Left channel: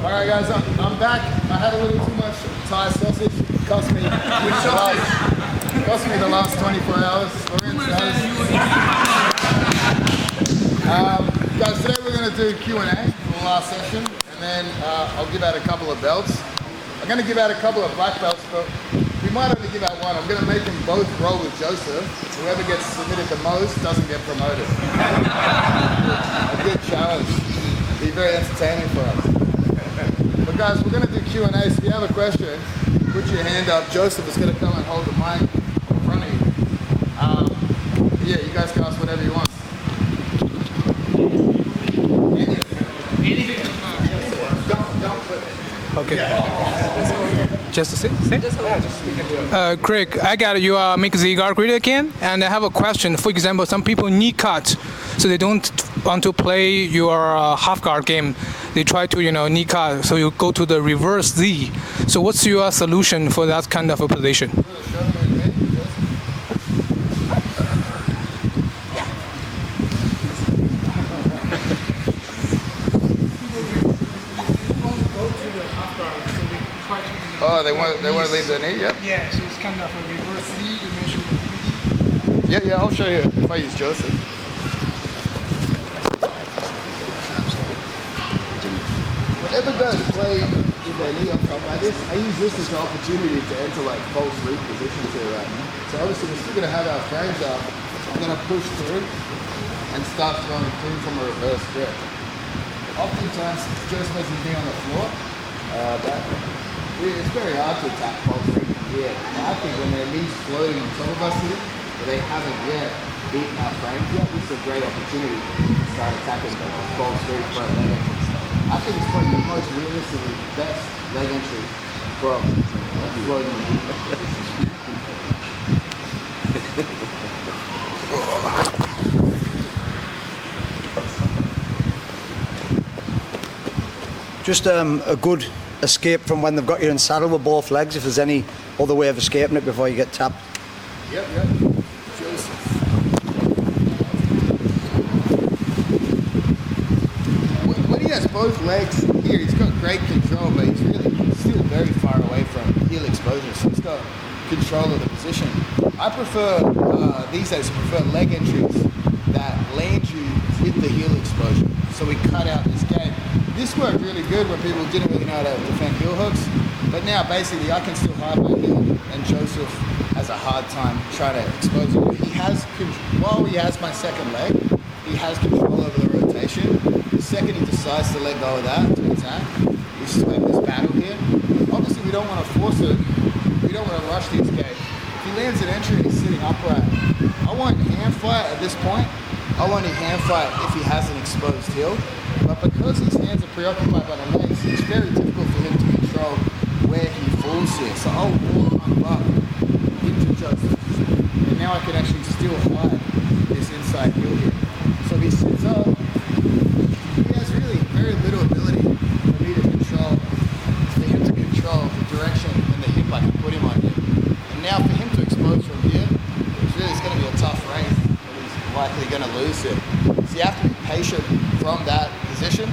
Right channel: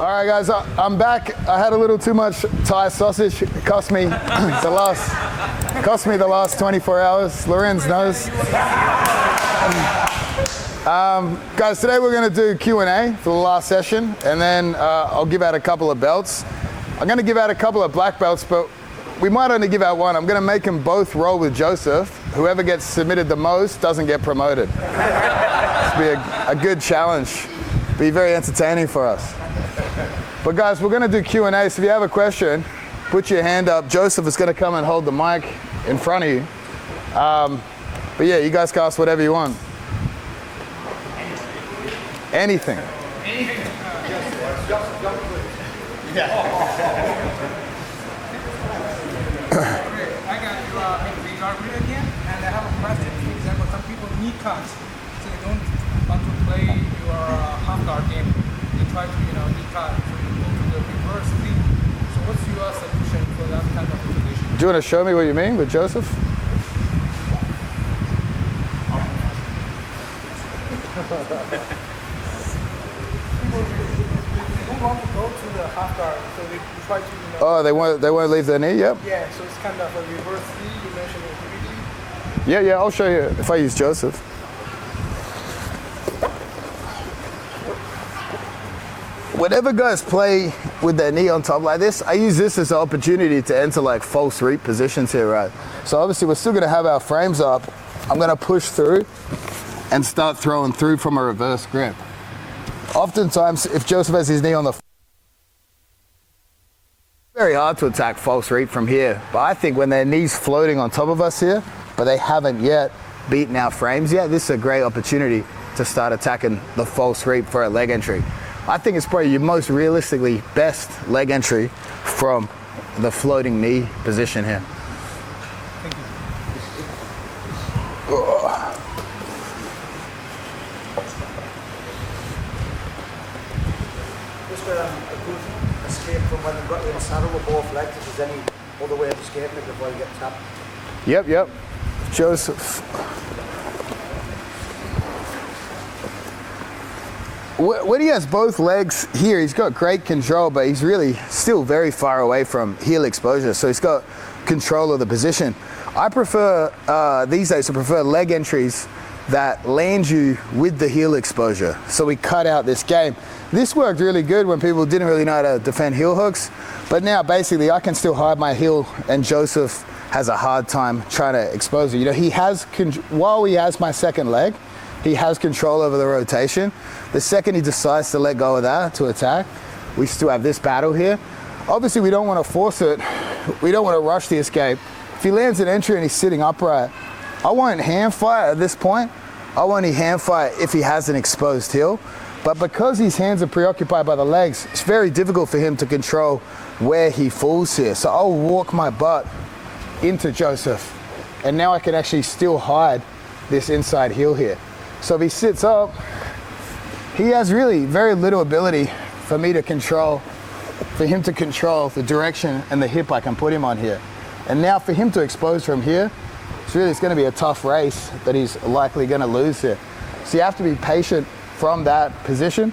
All right, guys, I'm back. I had a little too much Thai sausage. It cost me the last 24 hours. Lorenz does. Guys, today we're going to do Q&A for the last session, and then I'll give out a couple of belts. I'm going to give out a couple of black belts, but we might only give out one. I'm going to make them both roll with Joseph. Whoever gets submitted the most doesn't get promoted. It's be a good challenge. Be very entertaining for us. But guys, we're going to do Q&A, so if you have a question, put your hand up. Joseph is going to come and hold the mic in front of you. But yeah, you guys can ask whatever you want. Anything. Okay. Just a sec. Craig, I got you make the guard grid again, and I have a question. For example, some people knee cut, so they don't want to play your half guard game. They try to, knee cut, so you go to the reverse Z. So what's your solution for that kind of a position? Do you want to show me what you mean with Joseph? Oh, they want to leave their knee? Yep. Yeah, so it's kind of a reverse Z. You mentioned. Yeah, I'll show you if I use Joseph. Whenever guys play with their knee on top like this, I use this as an opportunity to enter like false reap positions here, right? So obviously we're still going to have our frames up. I'm going to push through and start throwing through from a reverse grip. Oftentimes, if Joseph has his knee on the floor, it's very hard to attack false reap from here. But I think when their knee's floating on top of us here, but they haven't yet beaten our frames yet, this is a great opportunity to start attacking the false reap for a leg entry. I think it's probably your most realistically best leg entry from the floating knee position here. Just a good escape from when they've got you in saddle with both legs, if there's any other way of escaping it before you get tapped. Yep. Joseph. When he has both legs here, he's got great control, but he's really still very far away from heel exposure, so he's got control of the position. I prefer, these days, I prefer leg entries that land you with the heel exposure, so we cut out this game. This worked really good when people didn't really know how to defend heel hooks, but now basically I can still hide my heel, and Joseph has a hard time trying to expose it. He has, while he has my second leg, he has control over the rotation. The second he decides to let go of that to attack, we still have this battle here. Obviously, we don't want to force it. We don't want to rush the escape. If he lands an entry and he's sitting upright, I won't hand fight at this point. I'll only hand fight if he has an exposed heel. But because his hands are preoccupied by the legs, it's very difficult for him to control where he falls here. So I'll walk my butt into Joseph, and now I can actually still hide this inside heel here. So if he sits up, he has really very little ability for him to control the direction and the hip I can put him on here. And now for him to expose from here, it's going to be a tough race that he's likely going to lose here. So you have to be patient from that position,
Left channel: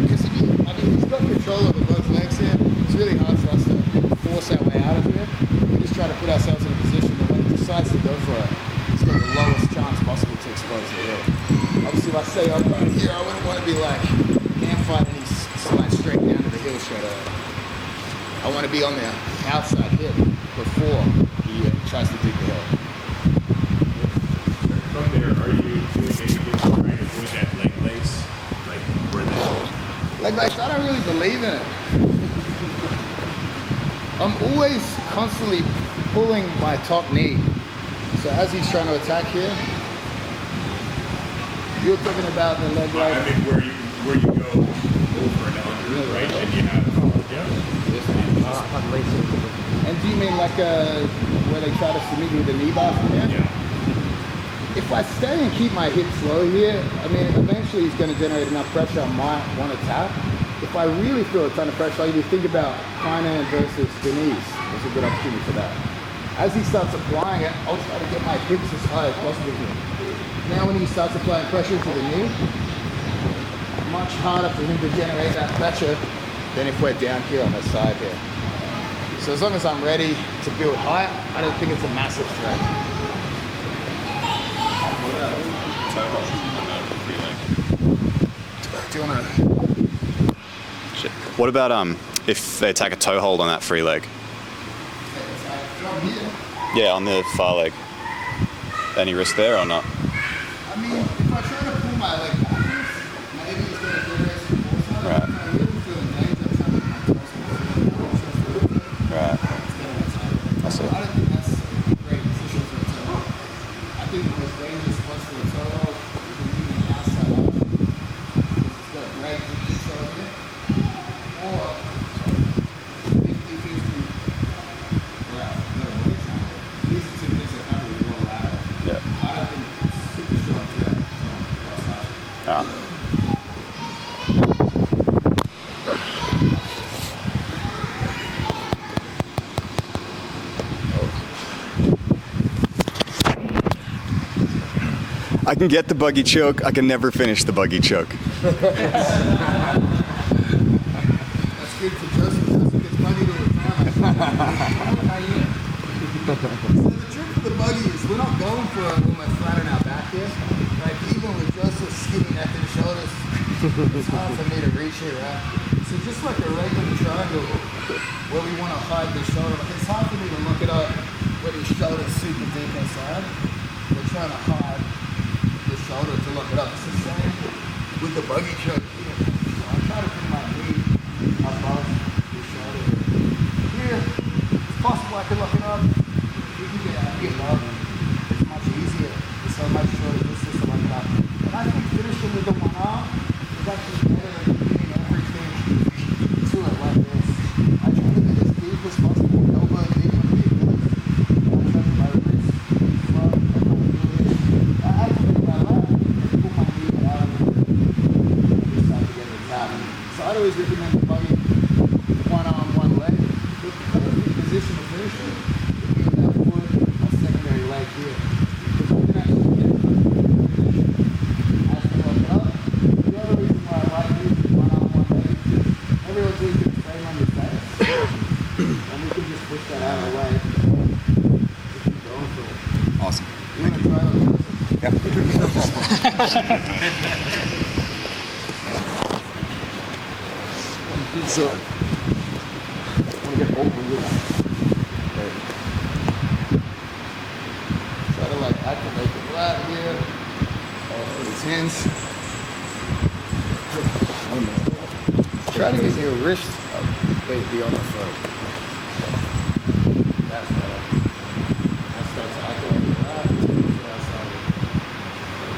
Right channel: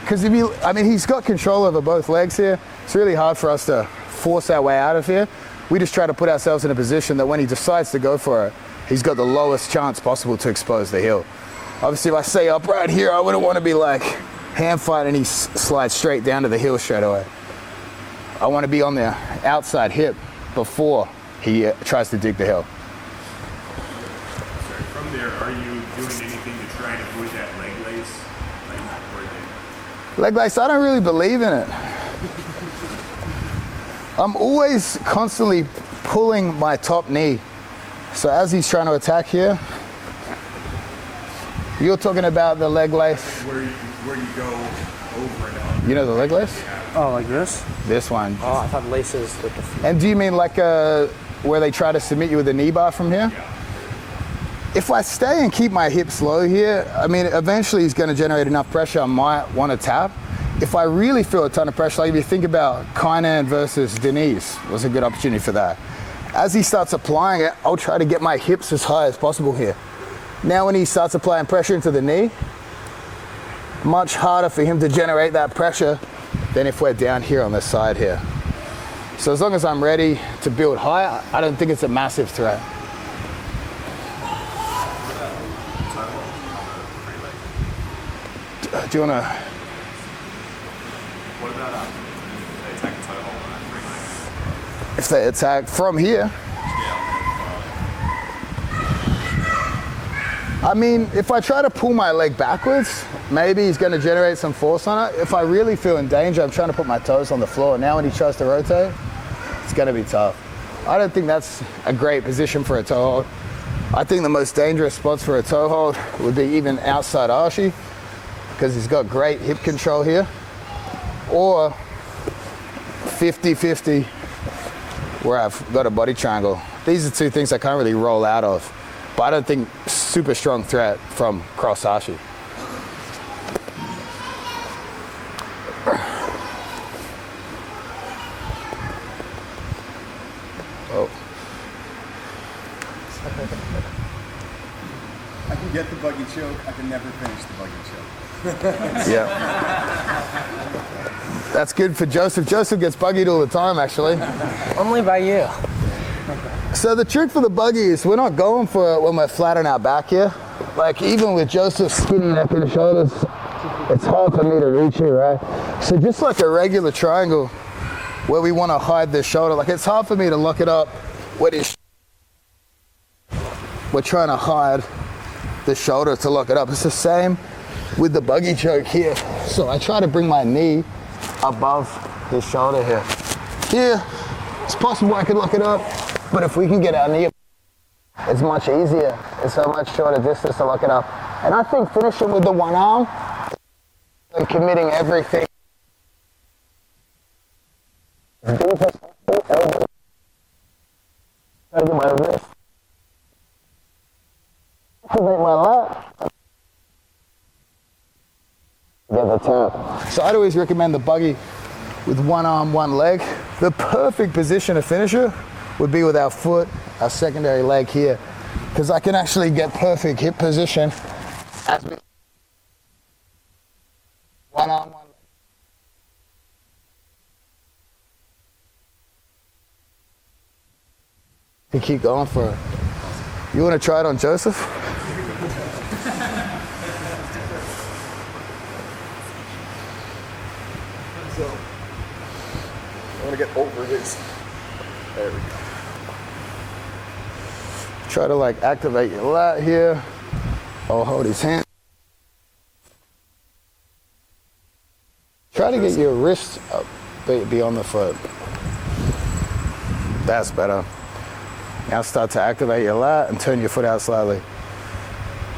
because he's got control over both legs here. It's really hard for us to force our way out of here. We just try to put ourselves in a position that when he decides to go for it, he's got the lowest chance possible to expose the heel. Obviously, if I stay up right here, I wouldn't want to be like hand fight and he slides straight down to the heel straight away. I want to be on the outside hip before he tries to dig the heel. From there, are you doing anything trying to push that leg lace? Leg lace, I don't really believe in it. I'm always constantly pulling my top knee. So as he's trying to attack here, you're talking about the leg lace. Where you go over and on. You know the leg lace? Oh, like this? This one. Oh, I thought laces with the... And do you mean like where they try to submit you with a knee bar from here? Yeah. If I stay and keep my hips low here, eventually he's going to generate enough pressure I might want to tap. If I really feel a ton of pressure, like if you think about Kron versus Denise, was a good opportunity for that. As he starts applying it, I'll try to get my hips as high as possible here. Now when he starts applying pressure into the knee, much harder for him to generate that pressure than if we're down here on the side here. So as long as I'm ready to build high, I don't think it's a massive threat. Do you want to? What about if they attack a toe hold on that free leg? If they attack from here? Yeah, on the far leg. Any risk there or not? I mean, if I try to pull my leg backwards, maybe he's going to generate some force on it. Right. If I really feel in danger, I'm trying to put my toes on the floor. Now when he tries to rotate, it's going to be tough. I don't think that's a great position for a toe hold. I think the most dangerous spots for a toe hold would be even outside aoki, because he's got great hip control here, or 50-50 where I've got a body triangle. These are two things I can't really roll out of, but I don't think super strong threat from cross aoki. I can get the buggy choke, I can never finish the buggy choke. That's good for Joseph. Joseph gets buggied all the time, actually. Only by you. So the trick for the buggy is we're not going for it when we're flat on our back here. Like even with Joseph's skinny neck and shoulders, it's hard for me to reach here, right? So just like a regular triangle where we want to hide the shoulder, like it's hard for me to lock it up when his shoulder's super deep inside. We're trying to hide the shoulder to lock it up. It's the same with the buggy choke here. So I try to bring my knee above his shoulder here. Here, it's possible I can lock it up, but if we can get our knee above, it's much easier. It's a much shorter distance to lock it up. And I think finishing with the one arm and committing everything to it like this. I try to get as deep as possible. Elbow. Taking my wrist. Activate my lat. So I'd always recommend the buggy with one arm, one leg. The perfect position to finish it would be with our foot, our secondary leg here, because I can actually get perfect hip position. One arm, one leg. Everyone's easy to frame on your face. And we can just push that out of the way. We keep going for it. Awesome. You want to try it on Joseph? So, I want to get over this. Try to like activate your lat here. Or hold his hands. Try to get your wrist up, be on the foot. That's better. Now start to activate your lat and turn your foot out slightly.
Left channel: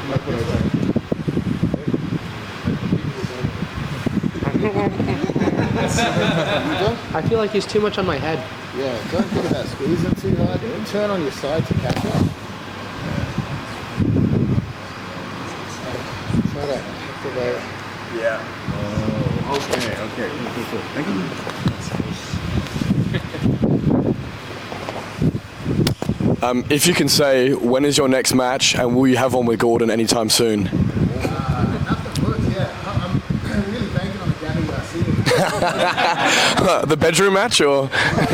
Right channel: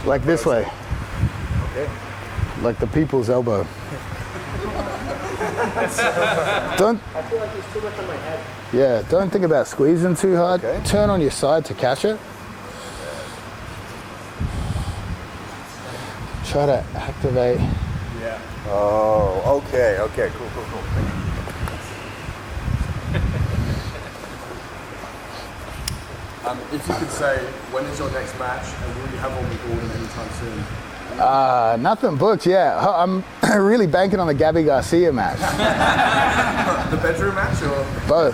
Like this way. Like the people's elbow. I feel like he's too much on my head. Yeah, don't think about squeezing too hard. Turn on your side to catch it. Try to activate. Yeah. Oh, okay, okay. Cool. Thank you. If you can say, when is your next match, and will you have one with Gordon anytime soon? Nothing booked, yeah. I'm really banking on the Gabby Garcia match. The bedroom match, or? Both.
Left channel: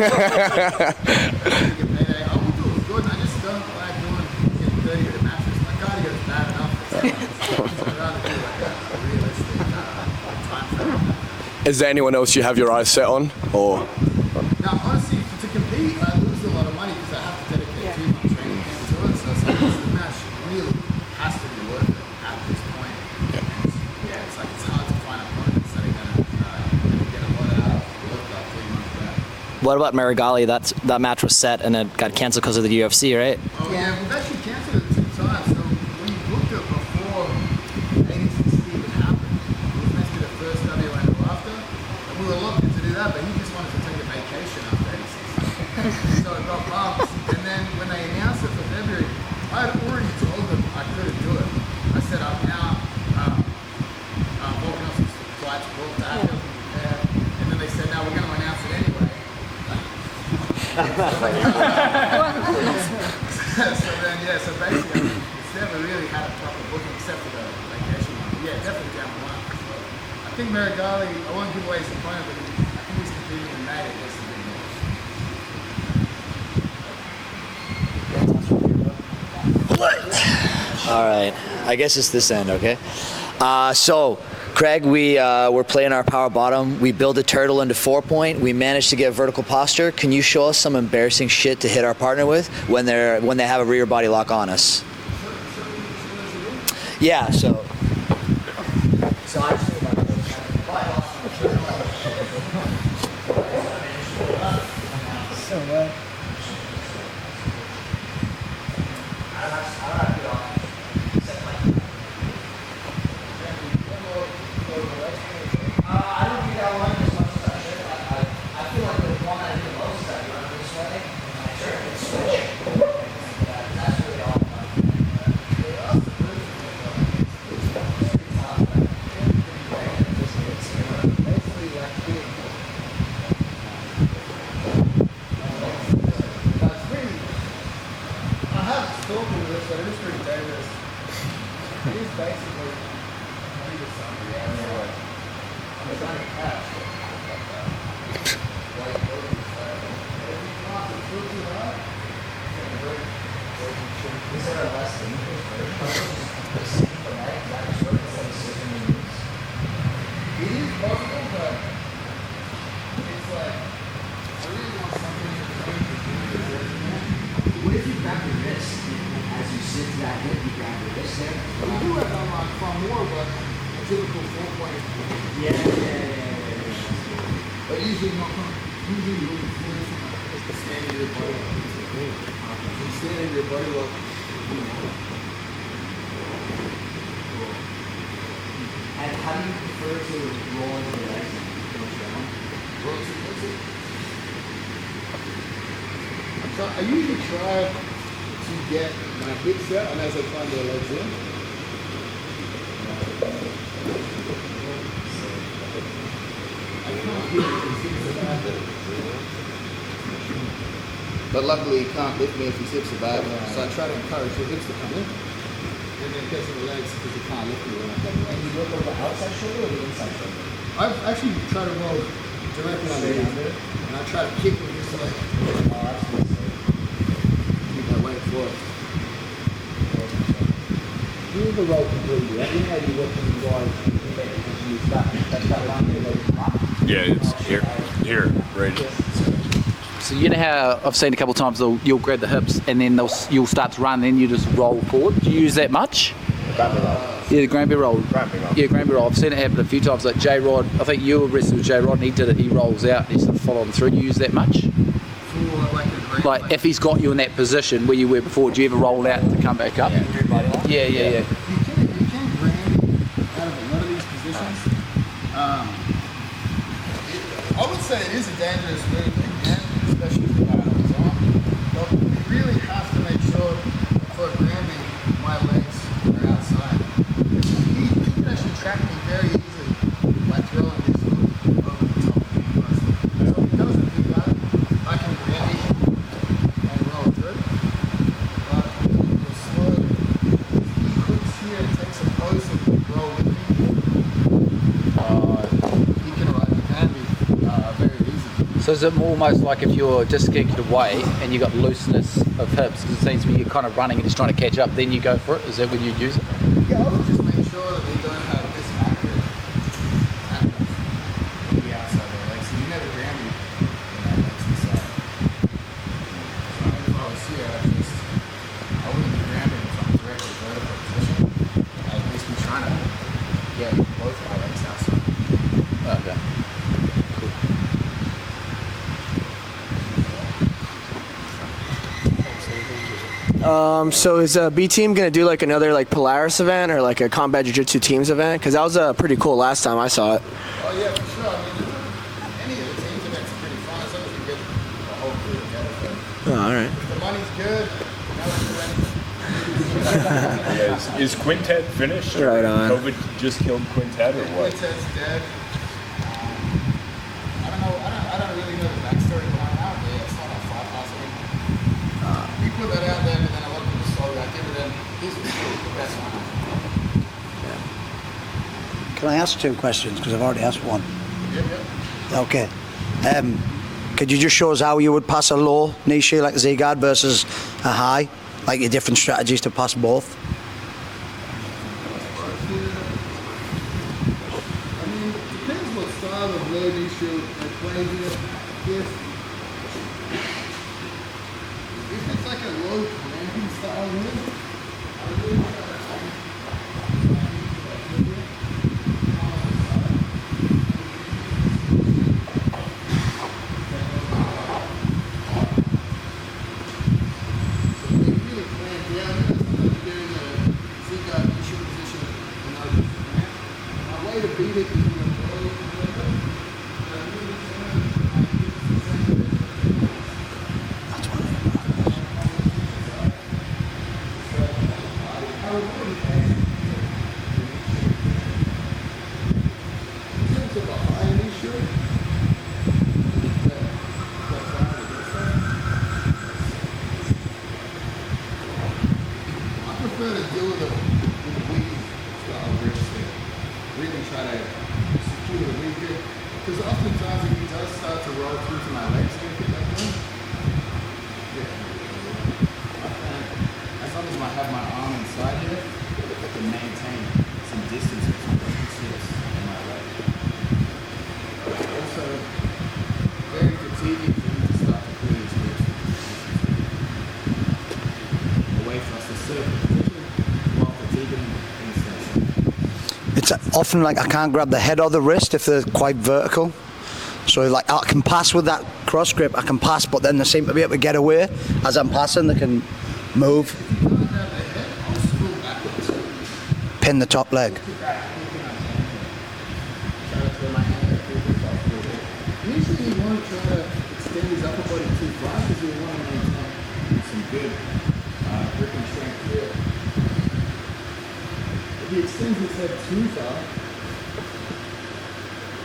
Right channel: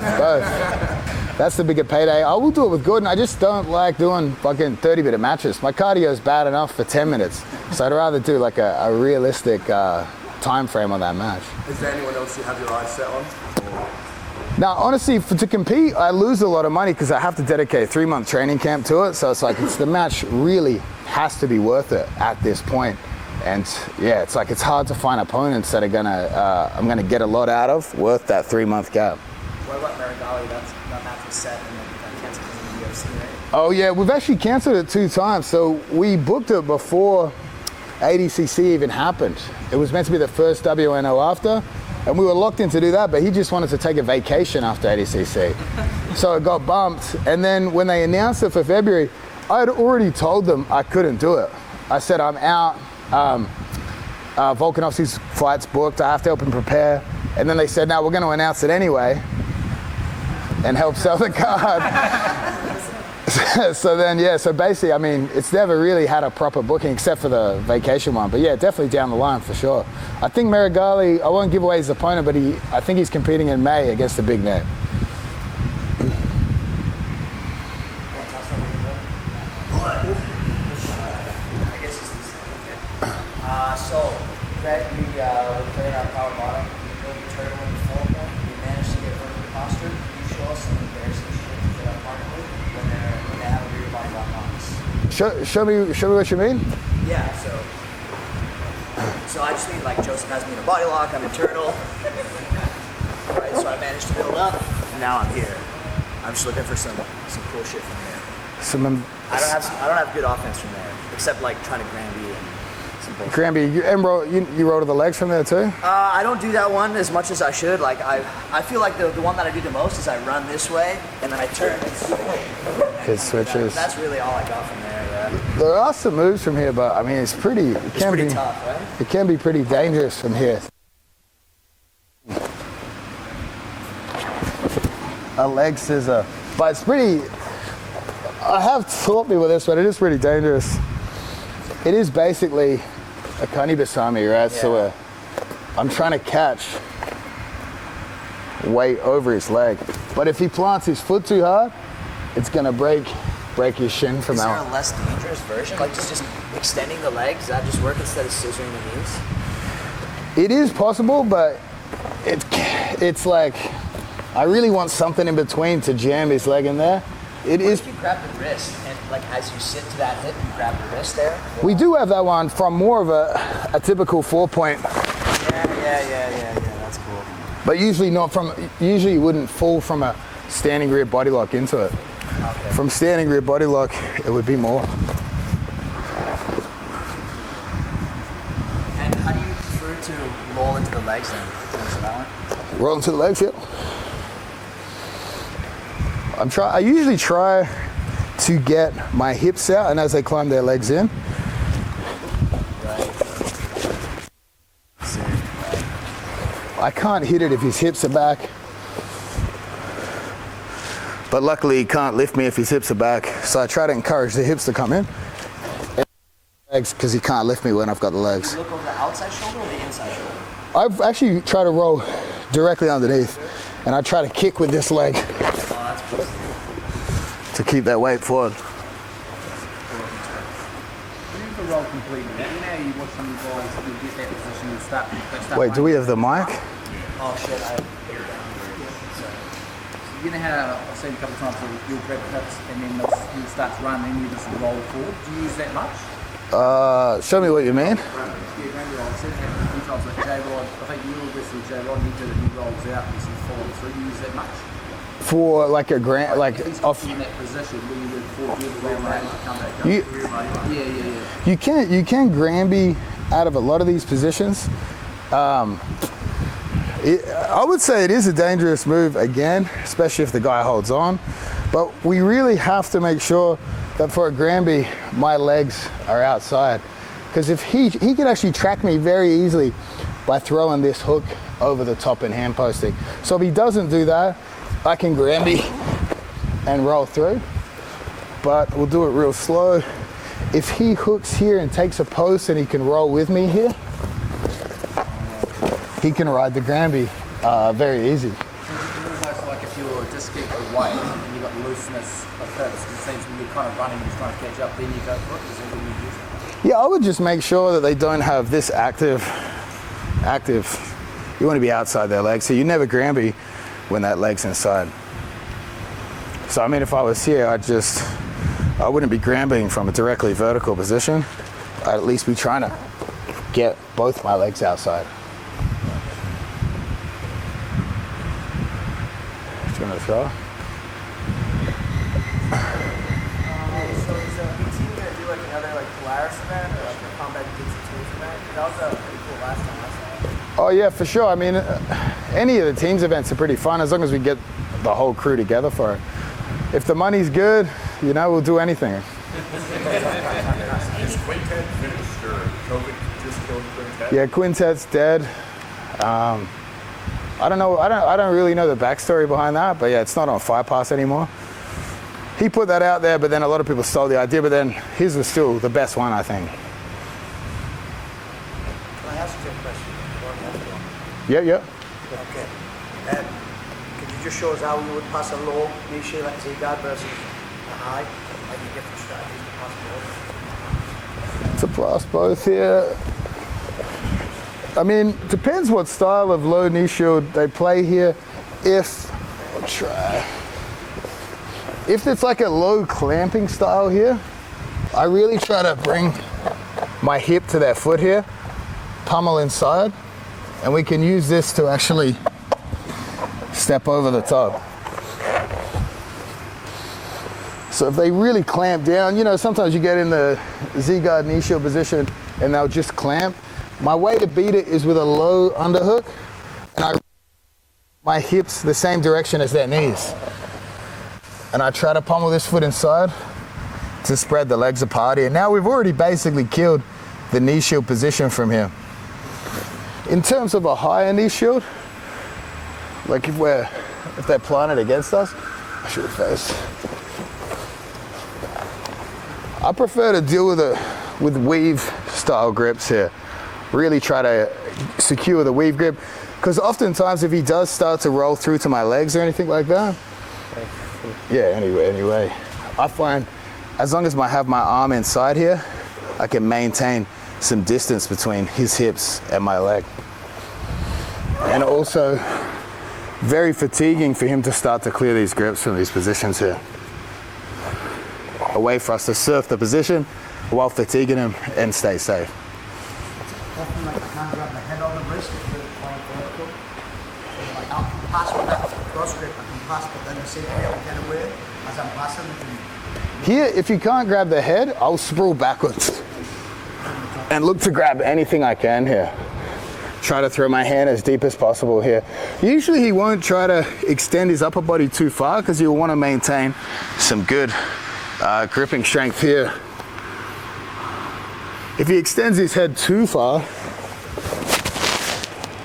That's the bigger payday. I will do it with Gordon. I just don't like doing fucking 30-minute matches. My cardio is bad enough for 10 minutes. So I'd rather do like a realistic time frame on that match. Is there anyone else you have your eyes set on, or? Now, honestly, to compete, I lose a lot of money because I have to dedicate a 3-month training camp to it. So it's like the match really has to be worth it at this point. And yeah, it's like it's hard to find opponents that are I'm gonna get a lot out of worth that 3-month gap. What about Meregali? That match was set and it got canceled because of the UFC, right? Oh yeah, we've actually canceled it 2 times. So we booked it before ADCC even happened. It was meant to be the first WNO after. And we were locked in to do that, but he just wanted to take a vacation after ADCC. So it got bumped. And then when they announced it for February, I had already told them I couldn't do it. I said, I'm out. Volkanovski's flight's booked. I have to help him prepare. And then they said, no, we're going to announce it anyway and help sell the card. So then, yeah, so basically, I mean, it's never really had a proper booking except for the vacation one. But yeah, definitely down the line for sure. I think Meregali, I won't give away his opponent, but I think he's competing in May against the big net. All right, I guess it's this end, okay? So, Craig, we're playing our power bottom. We build a turtle into 4-point. We managed to get vertical posture. Can you show us some embarrassing shit to hit our partner with when they have a rear body lock on us? Show me what you mean. Yeah. So I just mean like Joseph has me in a body lock. I'm a turtle. Right, so I managed to build up. Now I'm here. I'm just looking for some cool shit from here. I don't have good offense from there, except like trying to Granby. You roll to the legs from there too? I don't do that one as much as I should. Like I feel like the one that I do the most is I run this way and then I turn and switch. It switches. That's really all I got from there. Yeah. There are some moves from here, but I mean it's pretty tough, right? It can be pretty dangerous from here. A leg scissor, but it's pretty. I have taught me with this, but it is pretty dangerous. It is basically a kanibasami, right? Yeah. So I'm trying to catch weight over his leg. But if he plants his foot too hard, it's gonna break his shin from out. Is there a less dangerous version? Like just extending the legs, does that just work instead of scissoring the knees? It is possible, but it's like, I really want something in between to jam his leg in there. It is. You grab the wrist, and like as you sit to that hip, you grab the wrist there. We do have that one from more of a typical 4-point. Yeah, that's cool. But usually usually you wouldn't fall from a standing rear body lock into it. Okay. From standing rear body lock, it would be more. And how do you prefer to roll into the legs then? Roll into the legs, yeah. I usually try to get my hips out and as they climb their legs in. I can't hit it if his hips are back. But luckily he can't lift me if his hips are back. So I try to encourage the hips to come in. And the legs, because he can't lift me when I've got the legs. Do you look over the outside shoulder or the inside shoulder? I've actually tried to roll directly underneath. And I try to kick with this leg. Oh, that's cool. To keep that weight forward. Wait, do we have the mic? Yeah, it's here, right. So you know how I've seen a couple of times you'll grab the hips and then you'll start to run, then you just roll forward. Do you use that much? Show me what you mean. Yeah, Granby roll. I've seen it happen a few times. Like J Rod, I think you were wrestling with J Rod and he did it. He rolls out, he's following through. You use that much? For like a grand, like if he's got you in that position where you were before, do you ever roll out and come back up? Yeah. You can Granby out of a lot of these positions. I would say it is a dangerous move again, especially if the guy holds on. But we really have to make sure that for a Granby, my legs are outside. Because if he can actually track me very easily by throwing this hook over the top and hand posting. So if he doesn't do that, I can Granby and roll through, but we'll do it real slow. If he hooks here and takes a post and he can roll with me here, he can ride the Granby very easy. So is it almost like if you're just getting away and you've got looseness of hips, it seems when you're kind of running and just trying to catch up, then you go for it? Is that when you use it? Yeah, I would just make sure that they don't have this active. You want to be outside their legs, so you never Granby when that leg's inside. So I mean, if I was here, I wouldn't be Granbying from a directly vertical position. I'd at least be trying to get both my legs outside. Okay. So is B Team gonna do like another like Polaris event or like a combat jiu-jitsu teams event? Because that was pretty cool last time I saw it. Oh yeah, for sure. I mean, any of the teams events are pretty fun as long as we get the whole crew together for it. Oh, all right. If the money's good, we'll do anything. Is Quintet finished? Right on. COVID just killed Quintet? Yeah, Quintet's dead. I don't know. I don't really know the backstory behind that, but yeah, it's not on Fire Pass anymore. He put that out there, but then a lot of people stole the idea. But then his was still the best one, I think. Can I ask 2 questions? Because I've already asked one. Yeah. Okay. Could you just show us how you would pass a low knee shield like a Z-guard versus a high? Like your different strategies to pass both? To pass both here. I mean, depends what style of low knee shield they play here. If it's like a low clamping style here, I really try to bring my hip to that foot here, pummel inside, and we can use this to actually step over the top. So if they really clamp down, you know, sometimes you get in the Z-guard knee shield position and they'll just clamp. My way to beat it is with a low underhook, and my hips the same direction as their knees. And I try to pummel this foot inside to spread the legs apart here. Now we've already basically killed the knee shield position from here. In terms of a higher knee shield, like if they're planted against us, shoot first. I prefer to deal with weave style grips here. Really try to secure the weave grip, because oftentimes if he does start to roll through to my legs or anything like that, anyway, I find as long as I have my arm inside here, I can maintain some distance between his hips and my leg. And also, very fatiguing for him to start to clear these grips from these positions here. A way for us to surf the position while fatiguing him and stay safe. It's often like I can't grab the head or the wrist if they're quite vertical. So like I can pass with that cross grip, I can pass, but then they seem to be able to get away as I'm passing. They can move. Here, if you can't grab the head, I'll spool backwards. Pin the top leg. And look to grab anything I can here. Try to throw my hand as deep as possible here. Usually he won't try to extend his upper body too far because you'll want to maintain some good gripping strength here. If he extends his head too far,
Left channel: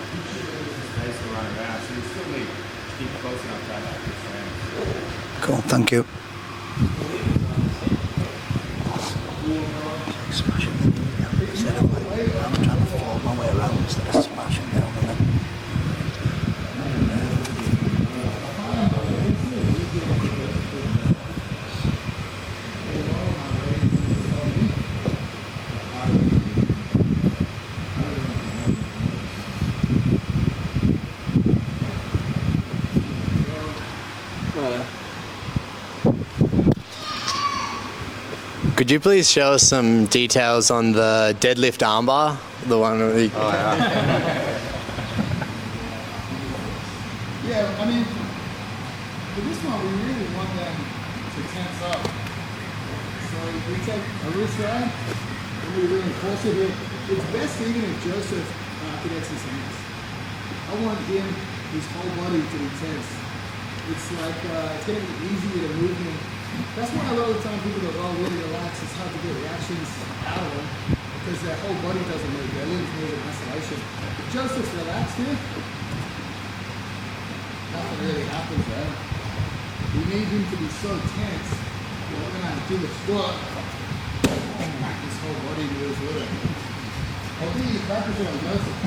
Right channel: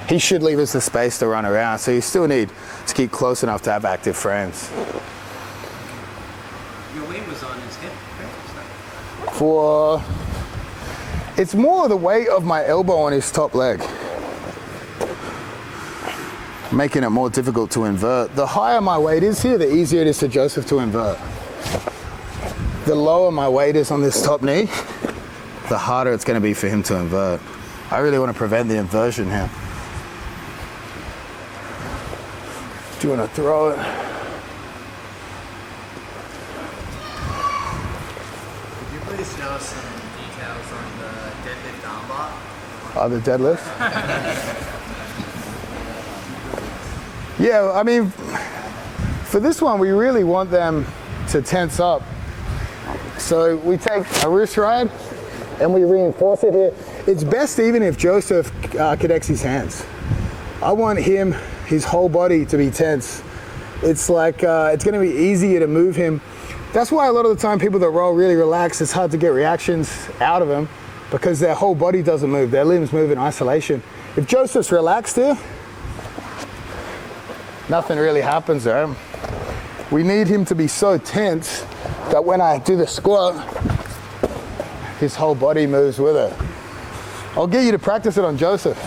he should leave us the space to run around. So you still need to keep close enough to have active frames. Cool, thank you. It's more the weight of my elbow on his top leg, making it more difficult to invert. The higher my weight is here, the easier it is for Joseph to invert. The lower my weight is on this top knee, the harder it's going to be for him to invert. I really want to prevent the inversion here. Do you want to throw it? Could you please show us some details on the deadlift armbar? The one on the deadlift? Yeah, I mean, for this one, we really want them to tense up. So we take a wrist ride and we reinforce it here. It's best even if Joseph connects his hands. I want him, his whole body to be tense. It's like, it's gonna be easier to move him. That's why a lot of the time people that roll really relaxed, it's hard to get reactions out of them because their whole body doesn't move, their limbs move in isolation. If Joseph's relaxed here, nothing really happens, right? We need him to be so tense that when I do the squat, his whole body moves with it. I'll get you to practice it on Joseph.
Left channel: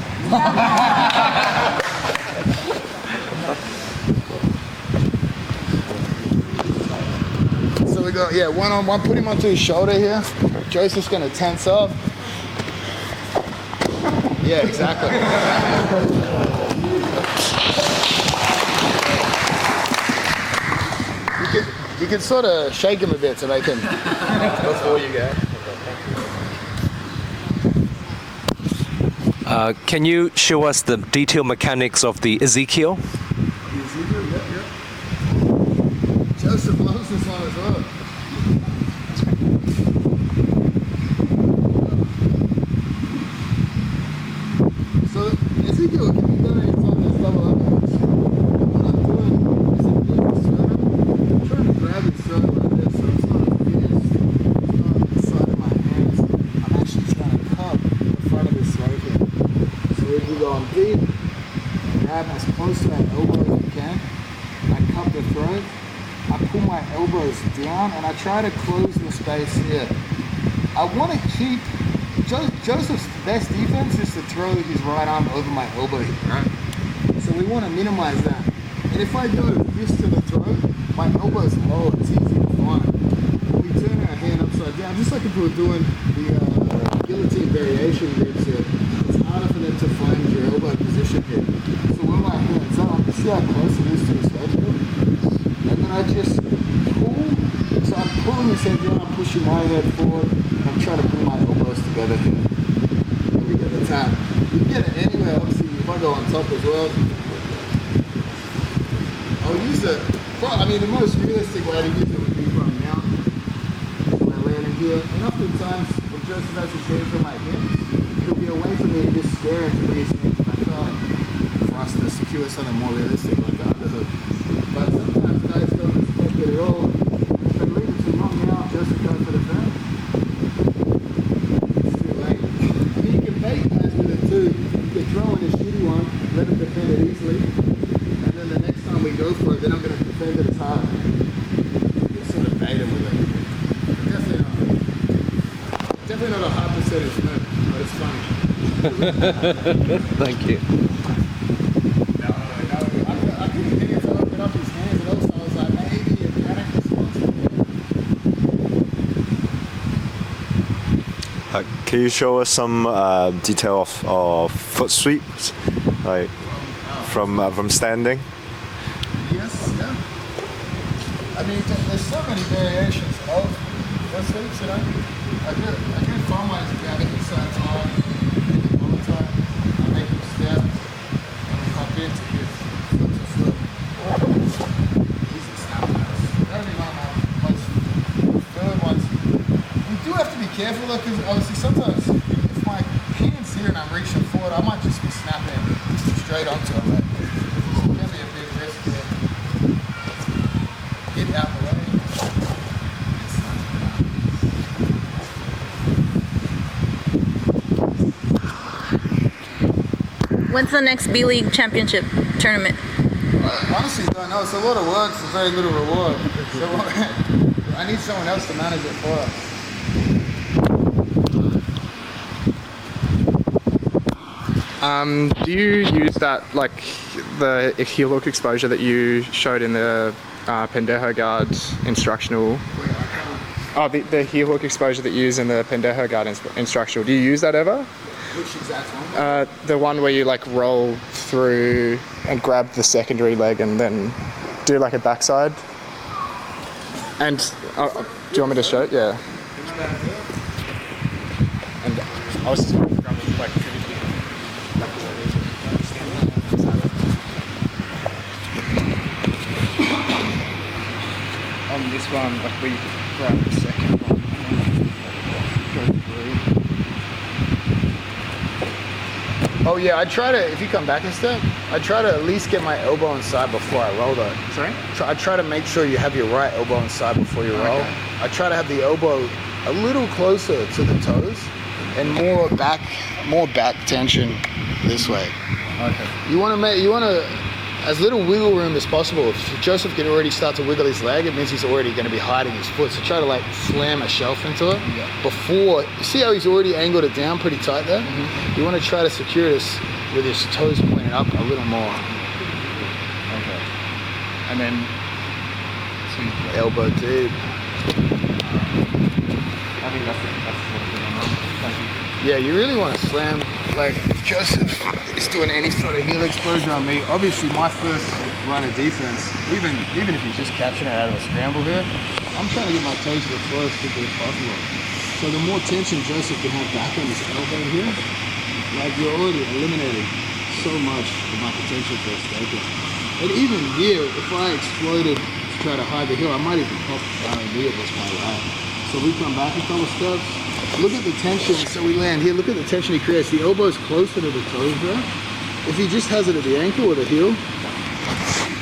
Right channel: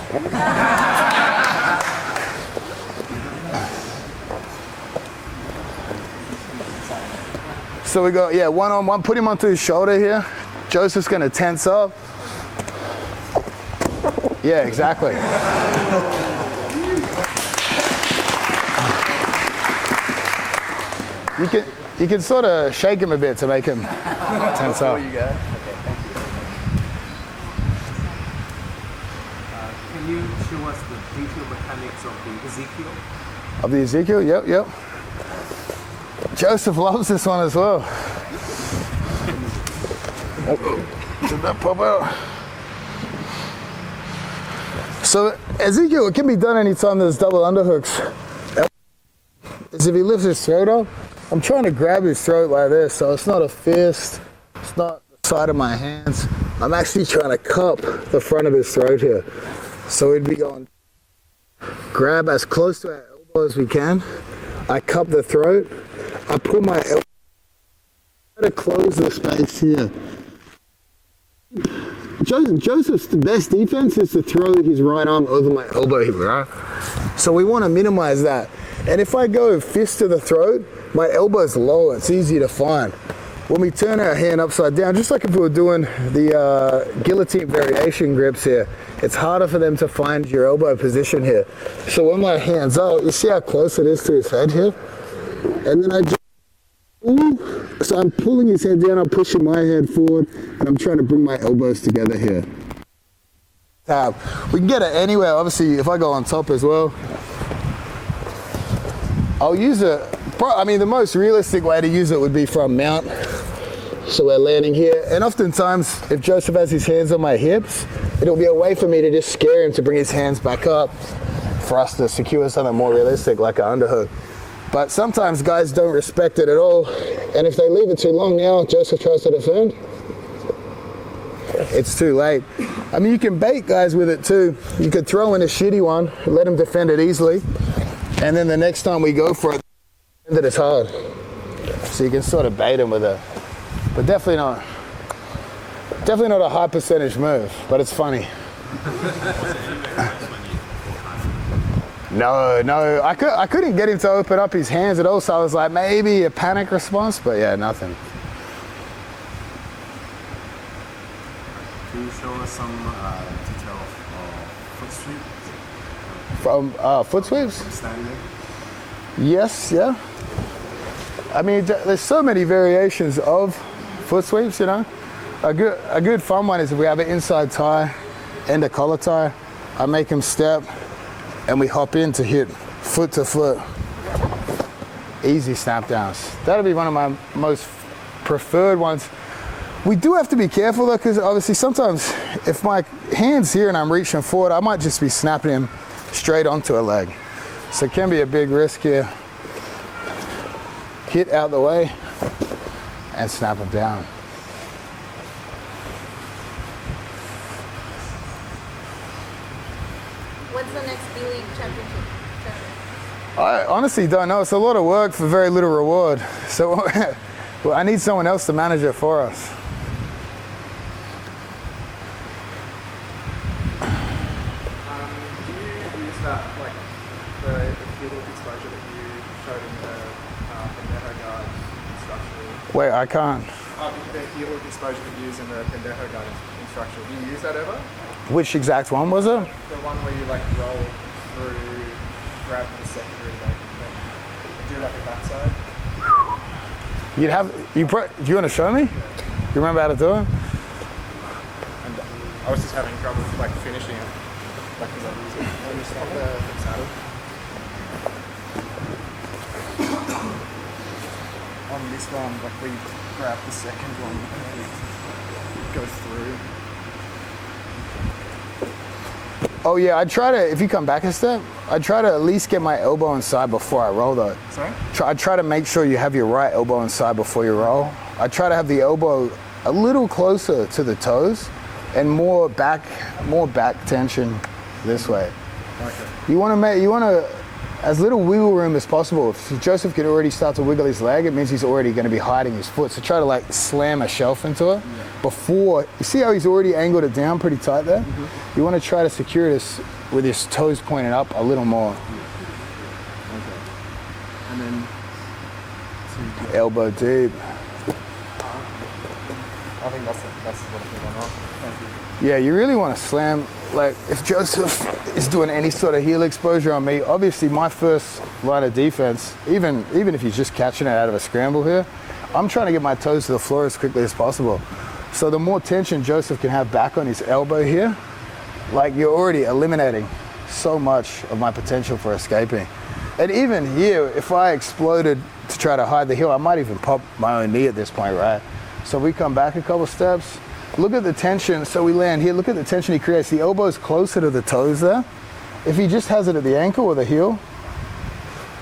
So we go, yeah, one-on-one, put him onto his shoulder here. Joseph's gonna tense up. Yeah, exactly. You can sort of shake him a bit to make him tense up. Can you show us the detailed mechanics of the Ezekial? Of the Ezekial? Yep. Joseph loves this one as well. Pop out. So Ezekial, it can be done anytime there's double underhooks. If he lifts his throat up, I'm trying to grab his throat like this, so it's not a fist, it's not side of my hands. I'm actually trying to cup the front of his throat here. So we'd be going deep, grab as close to that elbow as we can. I cup the throat, I pull my elbows down, and I try to close the space here. I want to keep Joseph's the best defense is to throw his right arm over my elbow here, right? So we want to minimize that. And if I go fist to the throat, my elbow's low, it's easy to find. When we turn our hand upside down, just like if we were doing the guillotine variation grips here, it's harder for them to find your elbow position here. So when my hand's out, you see how close it is to his head here? And then I just pull. So I'm pulling his hand down, I'm pushing my hand forward, and I'm trying to bring my elbows together here. We get the tab. We can get it anywhere, obviously, if I go on top as well. I'll use it, I mean, the most realistic way to use it would be from mount. So we're landing here, and oftentimes, if Joseph has his hands on my hips, it'll be a way for me to just scare him to bring his hands back up for us to secure something more realistic, like an underhook. But sometimes guys don't respect it at all, and if they leave it too long now, Joseph tries to defend, it's too late. I mean, you can bait guys with it too. You could throw in a shitty one, and let them defend it easily, and then the next time we go for it, then I'm going to defend it as hard. So you can sort of bait them with it. But definitely not a high percentage move, but it's funny. Thank you. No, I couldn't get him to open up his hands at all, so I was like, maybe a panic response, but yeah, nothing. Can you show us some detail of foot sweeps, like from standing? Yes, yeah. I mean, there's so many variations of foot sweeps, you know. A good fun one is if we have an inside tie and a collar tie. I make him step, and we hop in to hit foot to foot. Easy snap downs. That'll be one of my most preferred ones. We do have to be careful though, because obviously sometimes if my hand's here and I'm reaching forward, I might just be snapping him straight onto a leg. So it can be a big risk here. Hit out the way and snap it down. When's the next B-League championship tournament? I honestly don't know. It's a lot of work for very little reward. So well, I need someone else to manage it for us. Do you use that, like the heel hook exposure that you showed in the pendejo guard instructional? Wait, I can't. Oh, the heel hook exposure that you use in the pendejo guard instructional. Do you use that ever? Which exact one was it? The one where you like roll through and grab the secondary leg and then do like a backside. Do you want to show me? Yeah. Do you remember how to do it? And I was just having trouble like finishing it. Lucky I just stand the saddle. On this one, like we grab the second one and then go through. Oh yeah, I try to, if you come back a step, I try to at least get my elbow inside before I roll though. Sorry? I try to make sure you have your right elbow inside before you roll. Okay. I try to have the elbow a little closer to the toes and more back tension this way. Okay. You want to, as little wiggle room as possible. If Joseph can already start to wiggle his leg, it means he's already going to be hiding his foot. So try to like slam a shelf into it before. You see how he's already angled it down pretty tight there? Mm-hmm. You want to try to secure this with his toes pointed up a little more. Okay. And then elbow deep. I think that's the one. Thank you. Yeah, you really want to slam. Like, if Joseph is doing any sort of heel exposure on me, obviously my first line of defense, even if he's just catching it out of a scramble here, I'm trying to get my toes to the floor as quickly as possible. So the more tension Joseph can have back on his elbow here, like you're already eliminating so much of my potential for escaping. And even here, if I exploded to try to hide the heel, I might even pop my own knee at this point, right? So we come back a couple steps. Look at the tension, so we land here. Look at the tension he creates. The elbow is closer to the toes there. If he just has it at the ankle or the heel,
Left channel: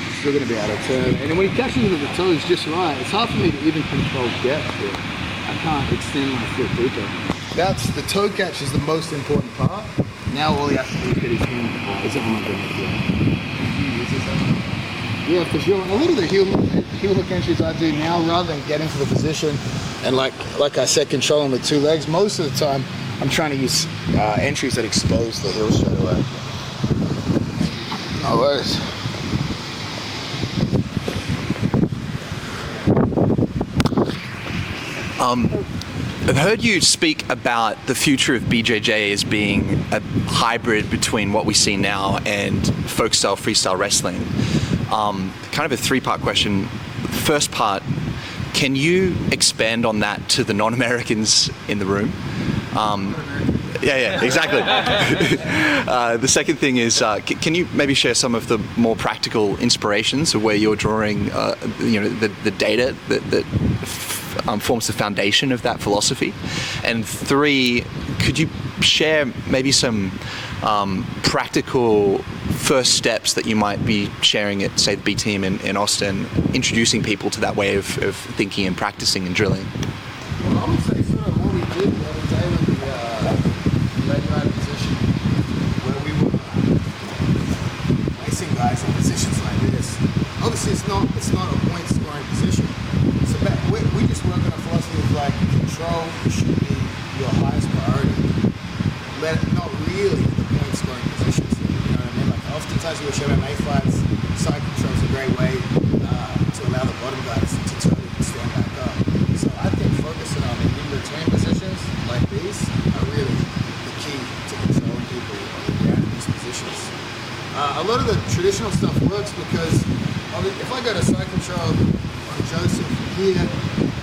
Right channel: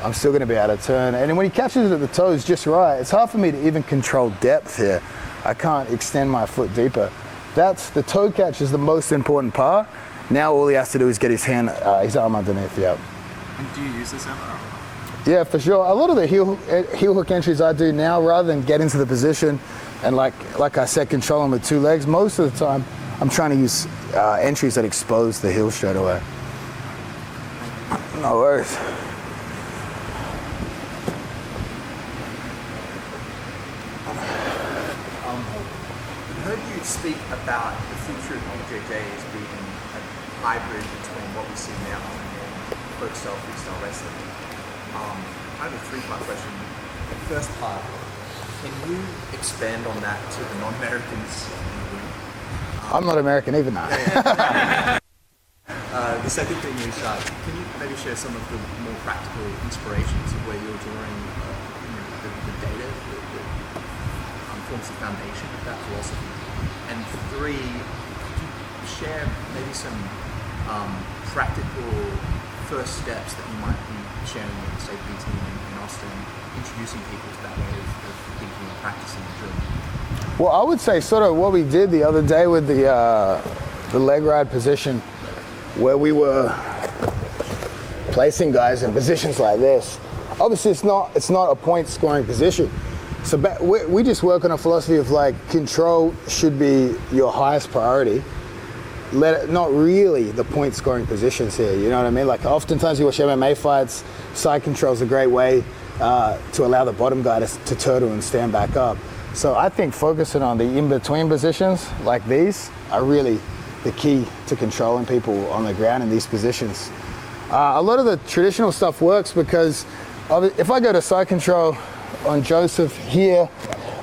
I'm still gonna be able to turn. And when he catches it at the toes just right, it's hard for me to even control depth here. I can't extend my foot deeper. That's the toe catch is the most important part. Now all he has to do is get his arm underneath the elbow. Do you use this ever? Yeah, for sure. A lot of the heel hook entries I do now, rather than get into the position and like I said, control him with two legs, most of the time I'm trying to use entries that expose the heel straight away. No worries. I've heard you speak about the future of BJJ as being a hybrid between what we see now and folk style freestyle wrestling. Kind of a three-part question. The first part, can you expand on that to the non-Americans in the room? I'm not American either. Yeah, exactly. The second thing is, can you maybe share some of the more practical inspirations of where you're drawing, the data that forms the foundation of that philosophy? And three, could you share maybe some practical first steps that you might be sharing at, say, the B team in Austin, introducing people to that way of thinking and practicing and drilling? Well, I would say sort of what we did the other day with the leg ride position, where we were placing guys in positions like this. Obviously, it's not a point scoring position. So we just work on a philosophy of like control should be your highest priority. Not really the point scoring positions here. You know what I mean? Like oftentimes you watch MMA fights, side control is a great way to allow the bottom guy to turtle and stand back up. So I think focusing on the in-between positions like these are really the key to controlling people on the ground in these positions. A lot of the traditional stuff works because if I go to side control on Joseph here,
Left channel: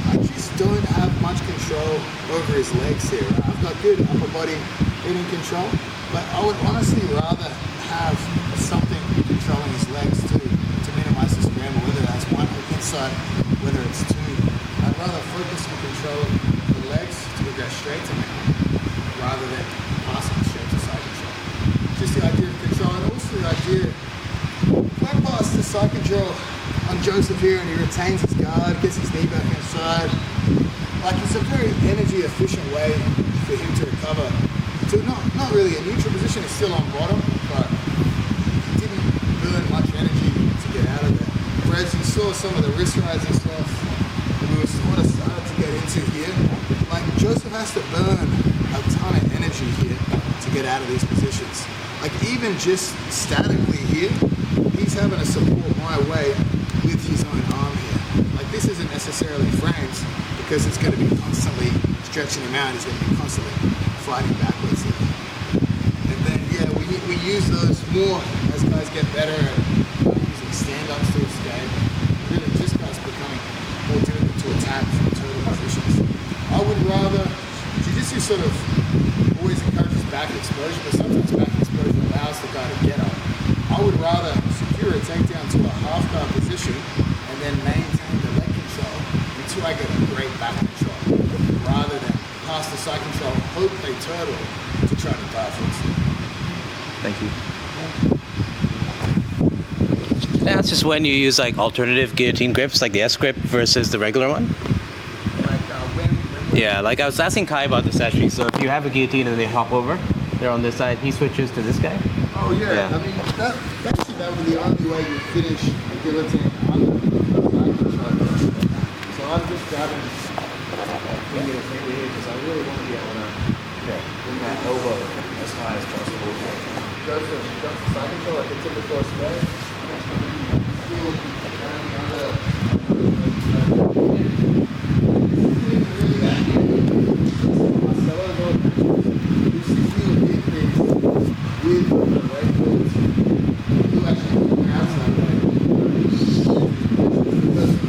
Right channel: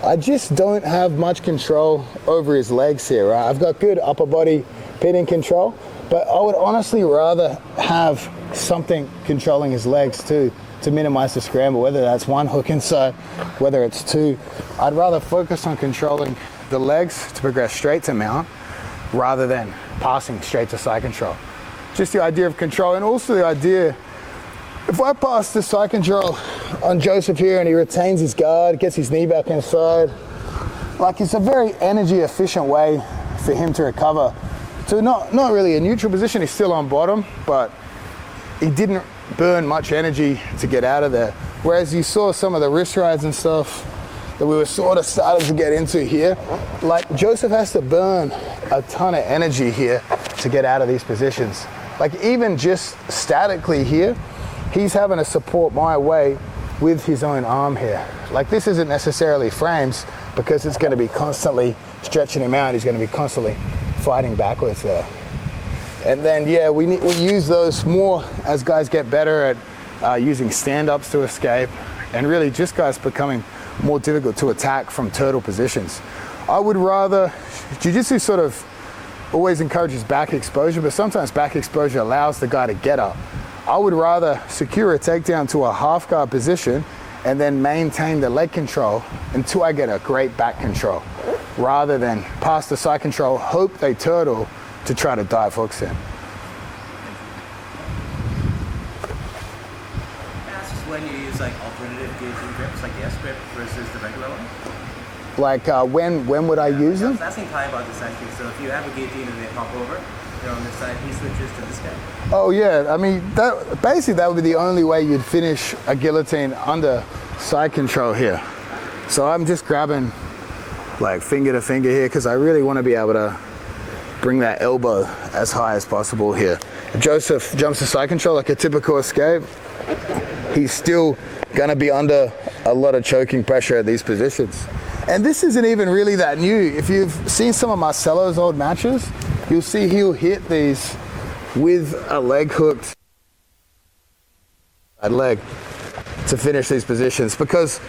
I just don't have much control over his legs here, right? I've got good upper body pinning control, but I would honestly rather have something controlling his legs too, to minimize the scramble, whether that's one hook inside, whether it's two. I'd rather focus on controlling the legs to progress straight to mount rather than passing straight to side control. Just the idea of control, and also the idea, if I pass the side control on Joseph here and he retains his guard, gets his knee back inside, like it's a very energy efficient way for him to recover to not really a neutral position. He's still on bottom, but he didn't burn much energy to get out of there. Whereas you saw some of the wrist rides and stuff that we were sort of starting to get into here, like Joseph has to burn a ton of energy here to get out of these positions. Like even just statically here, he's having to support my weight with his own arm here. Like this isn't necessarily frames because it's going to be constantly stretching him out. He's going to be constantly fighting backwards there. And then, yeah, we use those more as guys get better at using stand-ups to escape, and really just guys becoming more difficult to attack from turtle positions. I would rather, jiu-jitsu sort of always encourages back exposure, but sometimes back exposure allows the guy to get up. I would rather secure a takedown to a half guard position and then maintain the leg control until I get a great back control, rather than pass the side control, hope they turtle to try to dive hooks in. Thank you. That's just when you use like alternative guillotine grips, like the S grip versus the regular one. Like when would I use Yeah, like I was it? asking Kai about this actually. So if you have a guillotine and they hop over, they're on this side, he switches to this guy. Oh yeah, I mean, basically that would be the only way you'd finish a guillotine under side control here. So I'm just grabbing like finger to finger here because I really want to be able to bring that elbow as high as possible here. Joseph jumps to side control like a typical escape. He's still gonna be under a lot of choking pressure at these positions. And this isn't even really that new. If you've seen some of Marcelo's old matches, you'll see he'll hit these with a leg hooked leg to finish these positions, because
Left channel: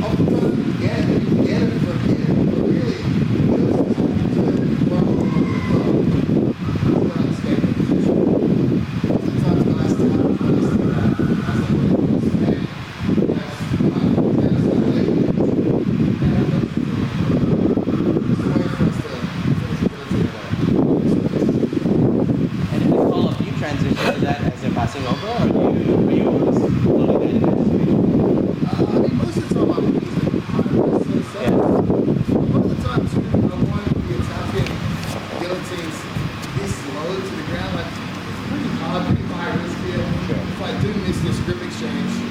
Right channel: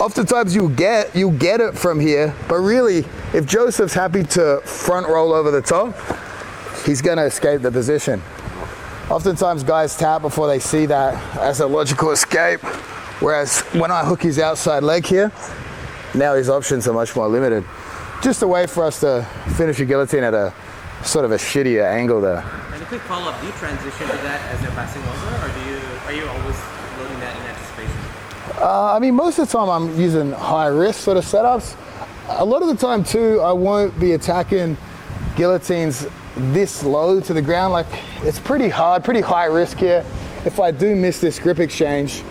oftentimes you'll get it from here, but really if Joseph's happy to front roll over the top, he's going to escape the position. Oftentimes guys tap before they see that as a logical escape, whereas when I hook his outside leg here, now his options are much more limited. Just a way for us to finish a guillotine at a sort of a shittier angle there. And if they follow up, do you transition to that as they're passing over, or are you almost loading that in anticipation? I mean, most of the time I'm using high risk sort of setups. A lot of the time too, I won't be attacking guillotines this low to the ground. Like it's pretty hard, pretty high risk here. If I do miss this grip exchange,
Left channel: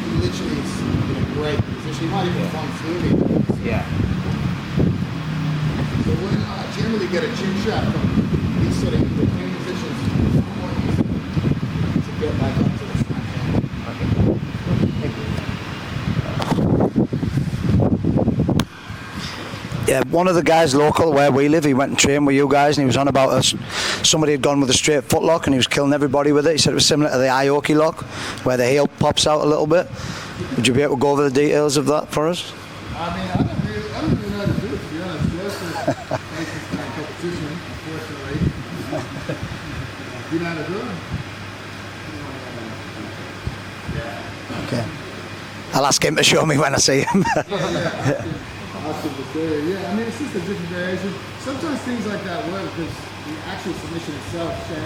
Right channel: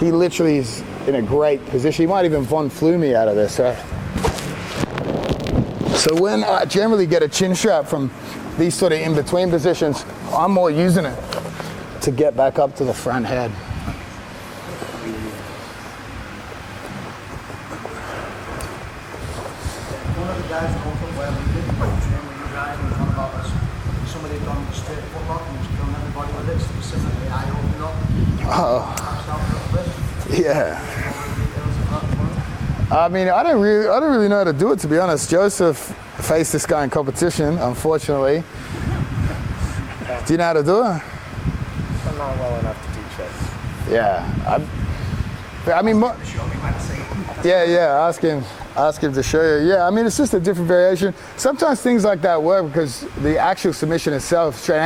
he literally is in a great position. He might even Von Flew me out of this. So. So when I generally get a chin strap from these sort of in-between positions, I'm more using it to get back up to the front head. Yeah, one of the guys local where we live, he went and trained with you guys, and he was on about us. Somebody had gone with a straight foot lock, and he was killing everybody with it. He said it was similar to the aoki lock, where the heel pops out a little bit. Yeah. Would you be able to go over the details of that for us? I mean, I don't really know how to do it, to be honest. Joseph faced this guy in competition, unfortunately. Do you know how to do it? I'm not well enough to teach us. Yeah, okay. I'll ask him to show me when I see him. Yeah, ask him to show you. Yeah, I mean, it's just a different variation. Sometimes things like that work because the actual submission itself, straight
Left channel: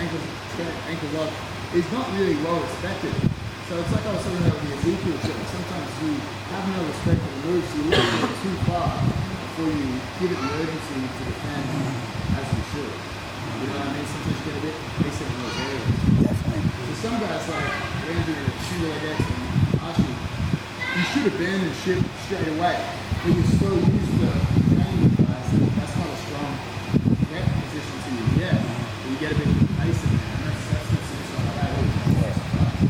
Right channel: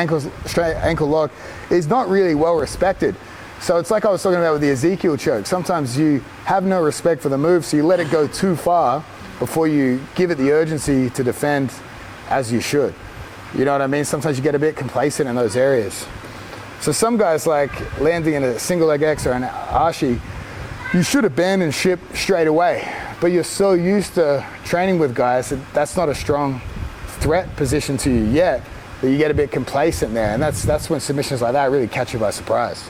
ankle lock, is not really well respected. So it's like I was talking about with the Ezekial choke. Sometimes you have no respect for the move, so you let it go too far before you give it the urgency to defend as you should. You know what I mean? Sometimes you get a bit complacent in those areas. So some guys like landing in a single leg X or an ashi, you should abandon ship straight away. But you're so used to training with guys that that's not a strong threat position to you yet, that you get a bit complacent there. And that's when submissions like that really catch you by surprise.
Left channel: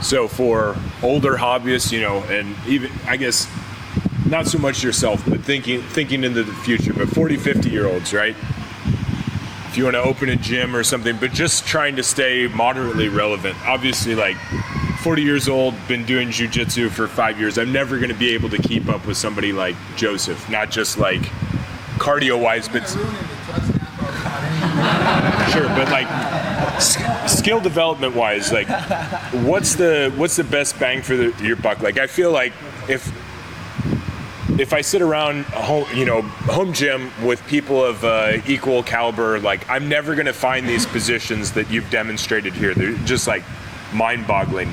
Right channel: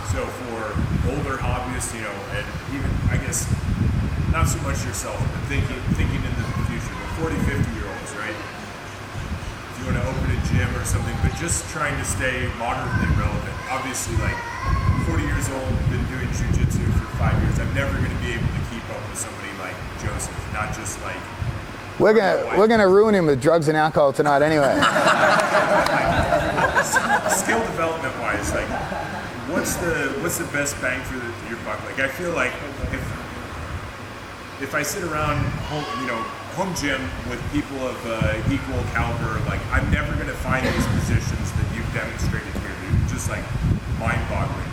So for older hobbyists, you know, and even, I guess, not so much yourself, but thinking into the future, but 40, 50-year-olds, right? If you want to open a gym or something, but just trying to stay moderately relevant. Obviously, like, 40 years old, been doing jiu-jitsu for 5 years. I'm never going to be able to keep up with somebody like Joseph, not just like cardio-wise. We're going to ruin him with drugs and alcohol tonight anyway. Sure, but like skill development-wise, like what's the best bang for your buck? Like I feel like if I sit around a home gym with people of equal caliber, like I'm never going to find these positions that you've demonstrated here. They're just like mind-boggling.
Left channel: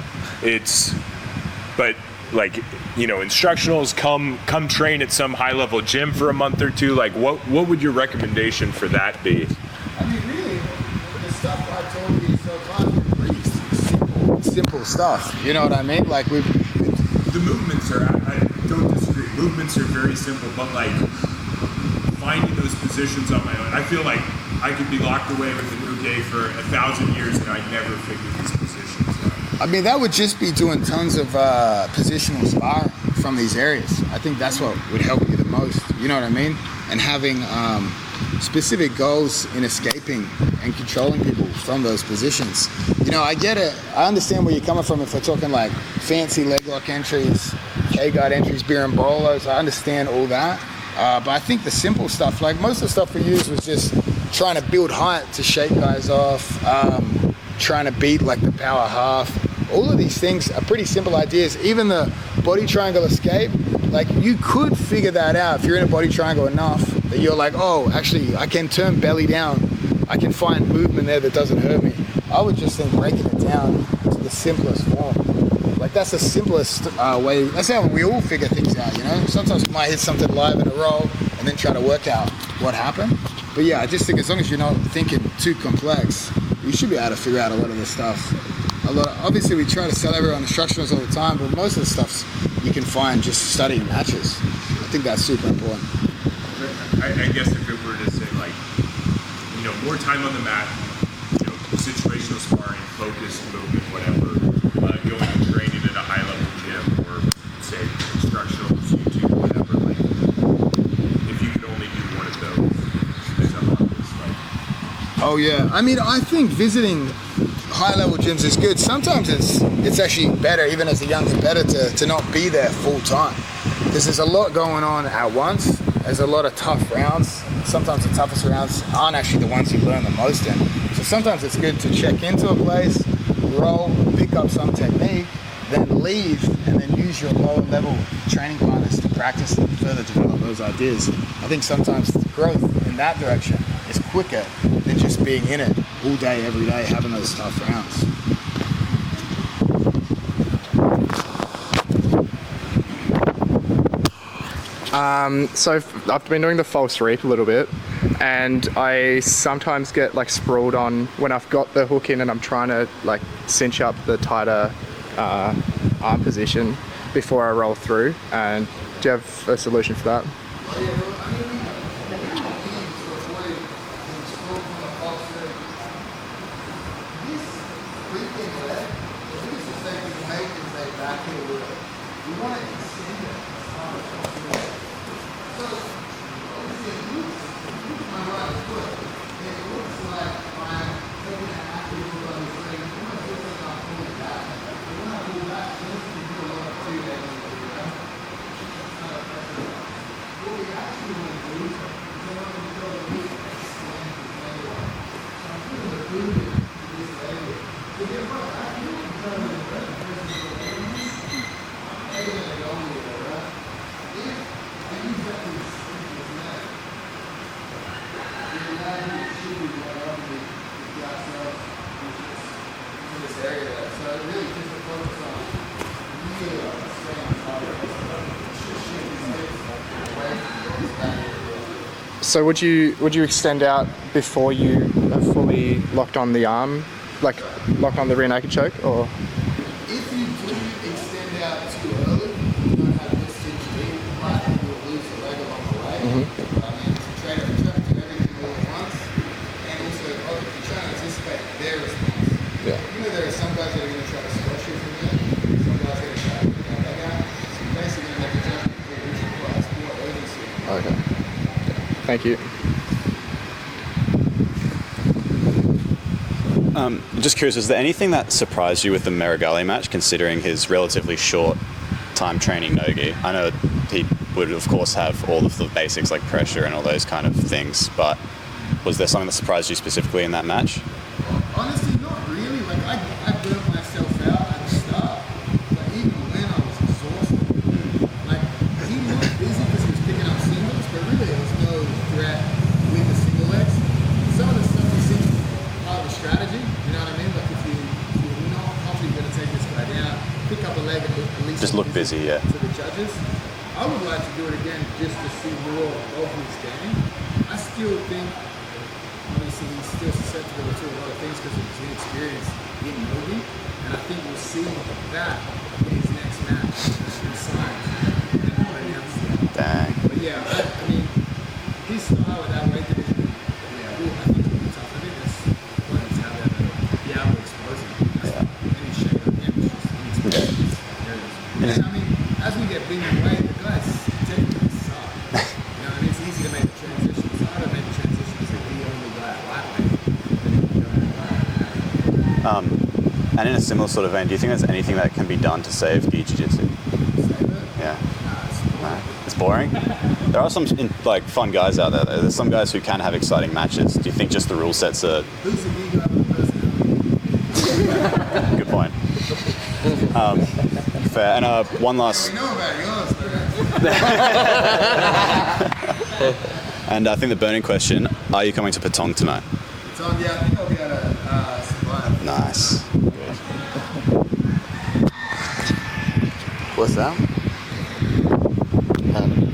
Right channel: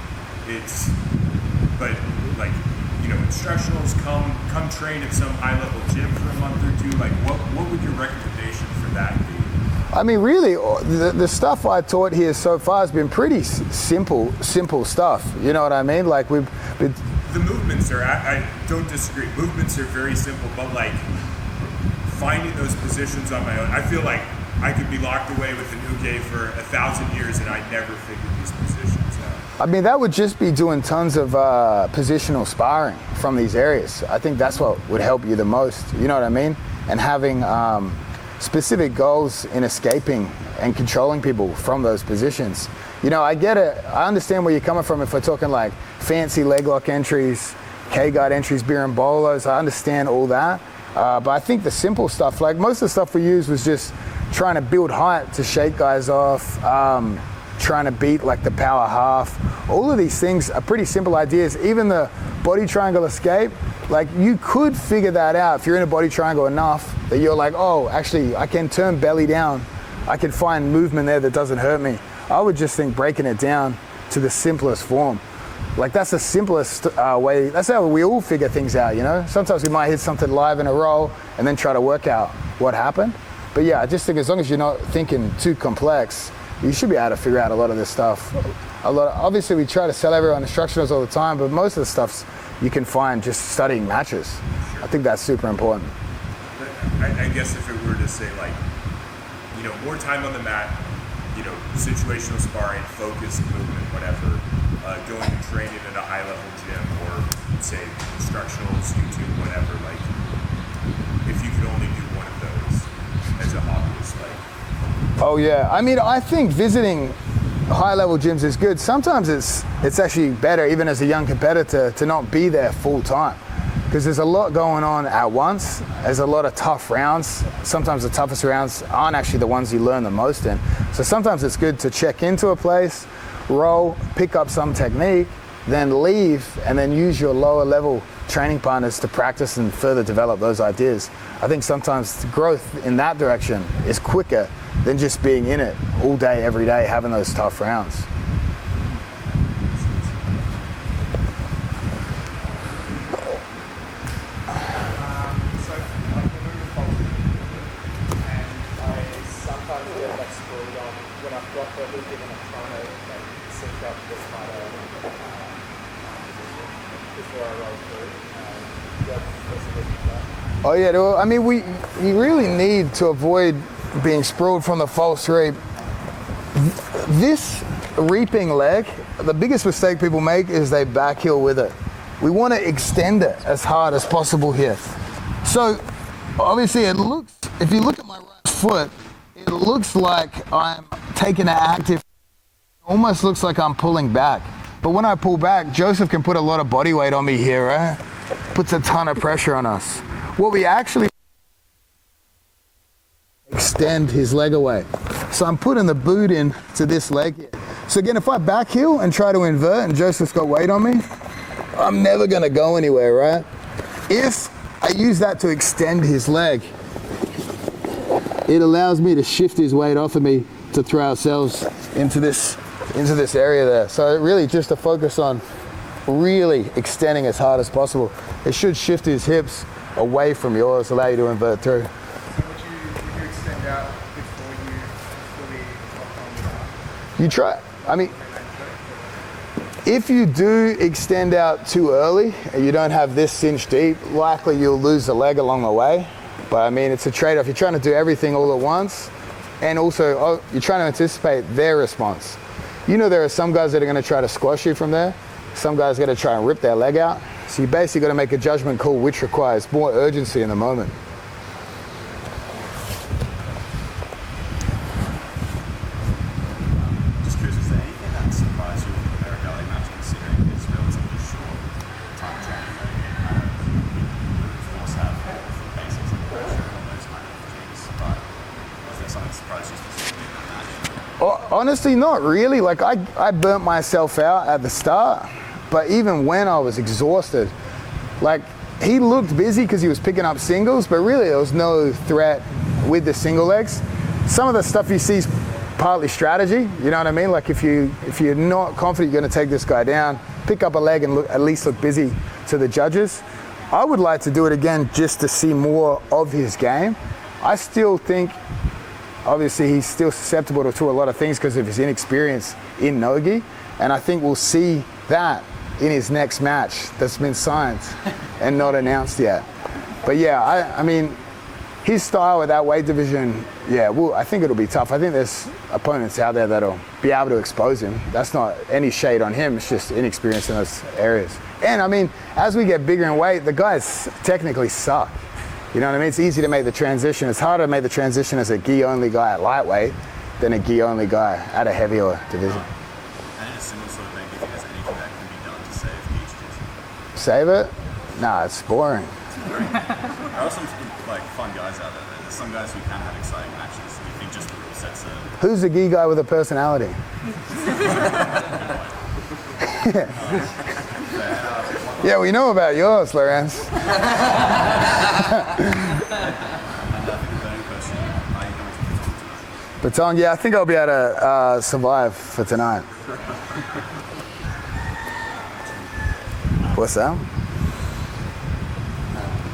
But like, you know, instructionals come train at some high-level gym for a month or two. Like, what would your recommendation for that be? I mean, really, the stuff I taught here so far has been pretty simple stuff. You know what I mean? Like The movements are, I don't disagree. Movements are very simple, but like finding those positions on my own, I feel like I could be locked away with the Muge for 1,000 years and I'd never figure these positions out. I mean, that would just be doing tons of positional sparring from these areas. I think that's what would help you the most. You know what I mean? And having specific goals in escaping and controlling people from those positions. You know, I get it. I understand where you're coming from if we're talking like fancy leg lock entries, K-guard entries, beer and bolos. I understand all that. But I think the simple stuff, like most of the stuff we used was just trying to build height to shake guys off, trying to beat like the power half. All of these things are pretty simple ideas. Even the body triangle escape, like you could figure that out if you're in a body triangle enough that you're like, oh, actually I can turn belly down. I can find movement there that doesn't hurt me. I would just think breaking it down to the simplest form. Like that's the simplest way. That's how we all figure things out, you know? Sometimes we might hit something live in a roll and then try to work out what happened. But yeah, I just think as long as you're not thinking too complex, you should be able to figure out a lot of this stuff. Obviously we try to sell everyone instructionals all the time, but most of the stuff you can find just studying matches. I think that's super important. I guess if it were to say like, you know, more time on the mat, you know, situational sparring, focused movement, whatever, going and training at a high level gym or say instructionals, YouTube, whatever, like if you could only do one of those as a hobbyist, like. Oh yeah, I mean, I think visiting high level gyms is good. Sometimes it's actually better, even as a young competitor, to not be there full time. Because there's a lot going on at once. There's a lot of tough rounds. Sometimes the toughest rounds aren't actually the ones you learn the most in. So sometimes it's good to check into a place, roll, pick up some technique, then leave, and then use your lower level training partners to practice and further develop those ideas. I think sometimes growth in that direction is quicker than just being in it all day, every day, having those tough rounds. So I've been doing the false sweep a little bit, and I sometimes get like sprawled on when I've got the hook in and I'm trying to like cinch up the tighter arm position. before I roll through. And do you have a solution for that? Oh yeah, well, I mean, we really need to avoid being sprawled from the false reap. This reaping leg, the biggest mistake people make is they back heel with it. We want to extend it as hard as possible here. So obviously if you look at my right foot, it looks like I'm taking an active, almost looks like I'm pulling back. But when I pull back, Joseph can put a lot of body weight on me here, right? Puts a ton of pressure on us. What we actually extend his leg away. So I'm putting the boot in to this leg. So again, if I back heel and try to invert and Joseph's got weight on me, I'm never gonna go anywhere, right? If I use that to extend his leg, it allows me to shift his weight off of me to throw ourselves into this area there. So really just to focus on really extending as hard as possible. It should shift his hips away from yours, allow you to invert through. So would you extend out before you have fully locked on the arm? Locked on the rear naked choke, or? If you do extend out too early and you don't have this cinch deep, likely you'll lose the leg along the way. But I mean, it's a trade-off. You're trying to do everything all at once, and also you're trying to anticipate their response. Yeah. You know there are some guys that are going to try to squash you from there. Some guys are going to try and rip their leg out. So you basically got to make a judgment call which requires more urgency in the moment. Thank you. I'm just curious, is there anything that surprised you with the Meregali match, considering his relatively short time training no-gi? I know he would, of course, have all of the basics like pressure and all those kind of things, but was there something that surprised you specifically in that match? Well, honestly, not really. Like, I burnt myself out at the start, but even when I was exhausted, like, he looked busy because he was picking up singles, but really there was no threat with the single legs. Some of the stuff he sees partly strategy, you know what I mean? Like if you're not confident you're going to take this guy down, pick up a leg and at least look busy yeah. to the judges. I would like to do it again just to see more of his game. I still think, obviously, he's still susceptible to a lot of things because of his inexperience in no-gi, and I think we'll see that in his next match that's been signed and not announced yet. Dang. But yeah, I mean, his style with that weight division, yeah, well, I think it'll be tough. I think there's opponents out there that'll be able to expose him. That's not any shade on him. It's just inexperience in those areas. And I mean, as we get bigger in weight, the guys technically suck. You know what I mean? It's easy to make the transition. It's harder to make the transition as a gi-only guy at lightweight than a gi-only guy at a heavier division. And in a similar sort of vein, do you think there's anything that can be done to save gi jiu-jitsu? Save it? Yeah. Nah, it's boring. It's boring? There are some fun guys out there though. There's some guys who can have exciting matches. Do you think just the rule sets are... Who's the gi guy with a personality? Good point. Fair. And one last... Yeah, we know about yours, Lorenz. And I think the burning question, are you coming to Patong tonight? Patong, yeah, I think I'll be able to survive for tonight. What's that?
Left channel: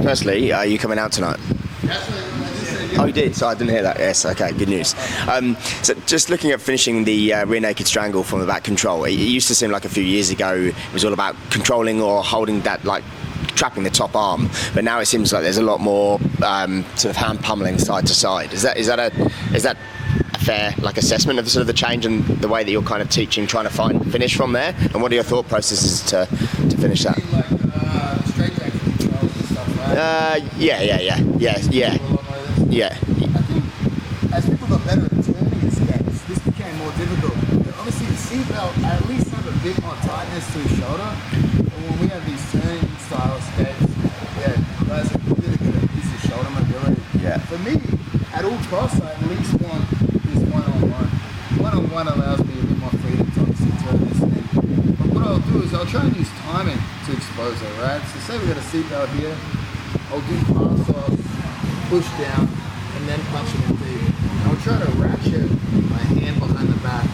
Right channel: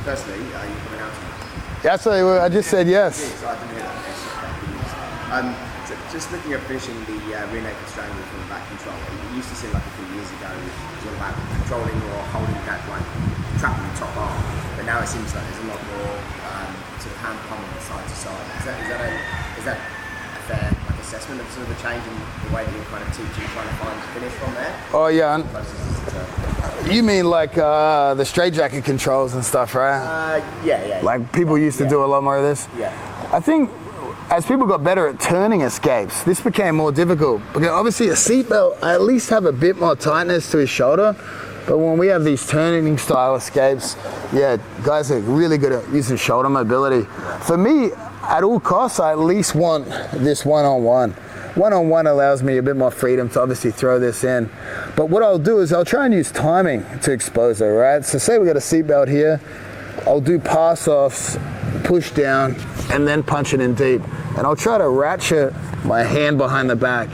Firstly, are you coming out tonight? Yeah, actually, I just said yes. Oh, you did, so I didn't hear that. Yes, okay, good news. So just looking at finishing the rear naked strangle from the back control, it used to seem like a few years ago it was all about controlling or holding that, like, trapping the top arm, but now it seems like there's a lot more sort of hand pummeling side to side. Is that a fair assessment of sort of the change and the way that you're kind of teaching, trying to find finish from there? And what are your thought processes to finish You that? mean like the straitjacket controls and stuff, right? Yeah. Like people used to do a lot more of this? Yeah. I think as people got better at turning escapes, this became more difficult. Because obviously a seatbelt, I at least have a bit more tightness to his shoulder, but when we have these turning style escapes, yeah, guys are really good at using shoulder mobility. Yeah. For me, at all costs, I at least want this one-on-one. One-on-one allows me a bit more freedom to obviously throw this in. But what I'll do is I'll try and use timing to expose her, right? So say we got a seatbelt here, I'll do pass-offs, push down, and then punch it in deep. And I'll try to ratchet my hand behind the back.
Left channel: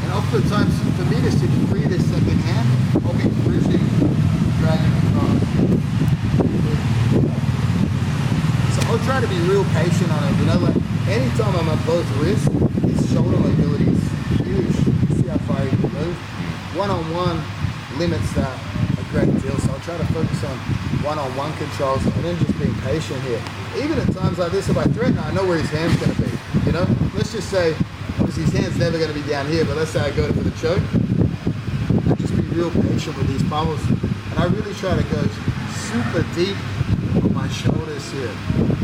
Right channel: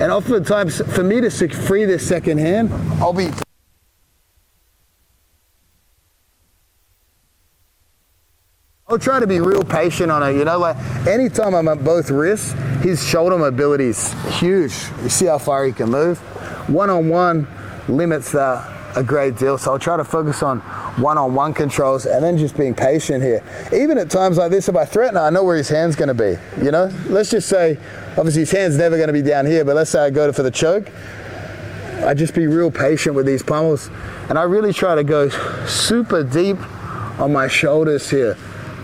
And oftentimes, for me to free this second hand, I'll be pushing, dragging across. So I'll try to be real patient on it, you know, like anytime I'm at both wrists, his shoulder mobility is huge. You see how far he can move? One-on-one limits that. a great deal. So I'll try to focus on one-on-one controls and then just being patient here. Even at times like this, if I threaten, I know where his hand's going to be. You know, let's just say, obviously his hand's never going to be down here, but let's say I go for the choke. I just be real patient with these pummels, and I really try to go super deep on my shoulders here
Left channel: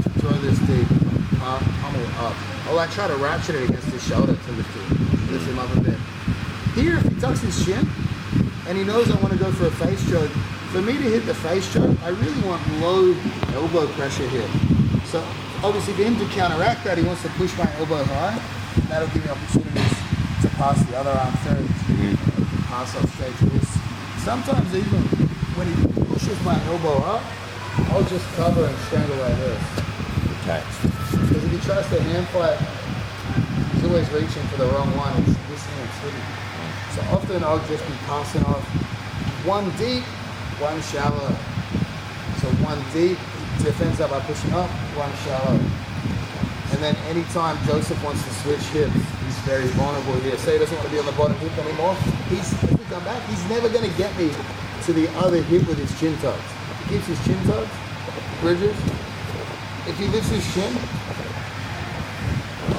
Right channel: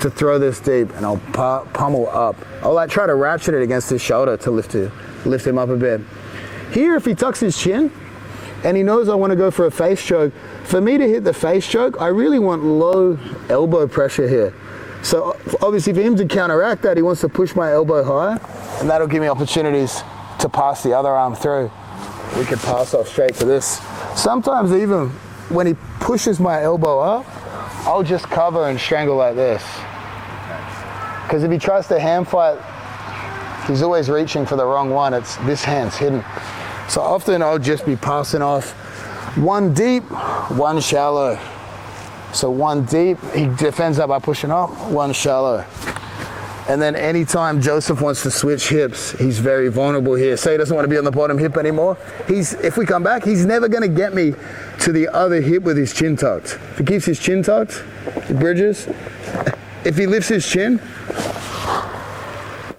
to throw this deep, and I'll pummel up. I'll like try to ratchet it against his shoulder to lift him up a bit. Here, if he tucks his chin and he knows I want to go for a face choke, for me to hit the face choke, I really want low elbow pressure here. So obviously for him to counteract that, he wants to push my elbow higher, and that'll give me opportunities to pass the other arm through. We can pass off straight to this. Sometimes even when he pushes my elbow up, I'll just cover and strangle like this. Because if he tries to hand fight, he's always reaching for the wrong one. It's this hand's hidden. So often I'll just be passing off one deep, one shallow. So one deep, he defends that by pushing up, one shallow. And then anytime Joseph wants to switch hips, he's very vulnerable here. Say he doesn't want to be on the bottom hip anymore. If we come back, he's never going to get me to the other hip with his chin tucked. If he keeps his chin tucked, he bridges. If he lifts his chin,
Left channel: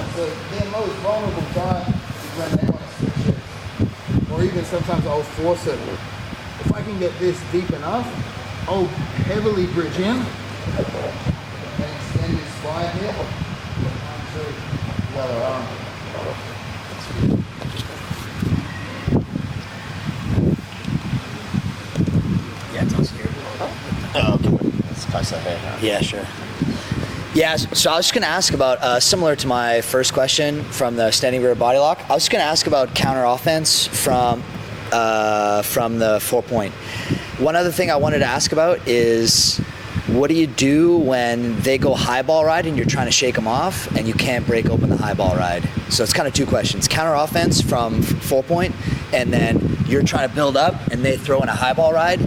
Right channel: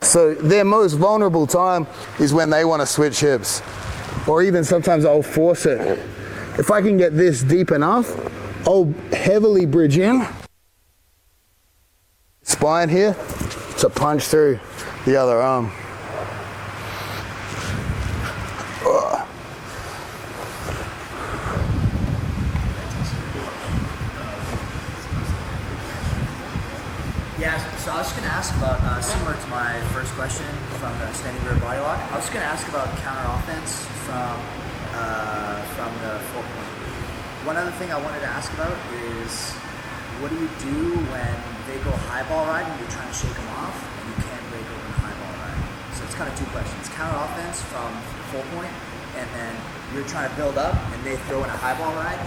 so their most vulnerable time is when they want to switch hips. Or even sometimes I'll force it. If I can get this deep enough, I'll heavily bridge in, spine here, to punch through the other arm. Yeah, sure. Yeah, so I was just going to ask about, similar to my first question from the standing rear body lock, I was just going to ask about counter offense from the 4-point. One other thing I wanted to ask about is, what do you do when they go high ball ride and you're trying to shake them off and you can't break open the high ball ride? So it's kind of two questions. Counter offense from 4-point, and then you're trying to build up and they throw in a high ball ride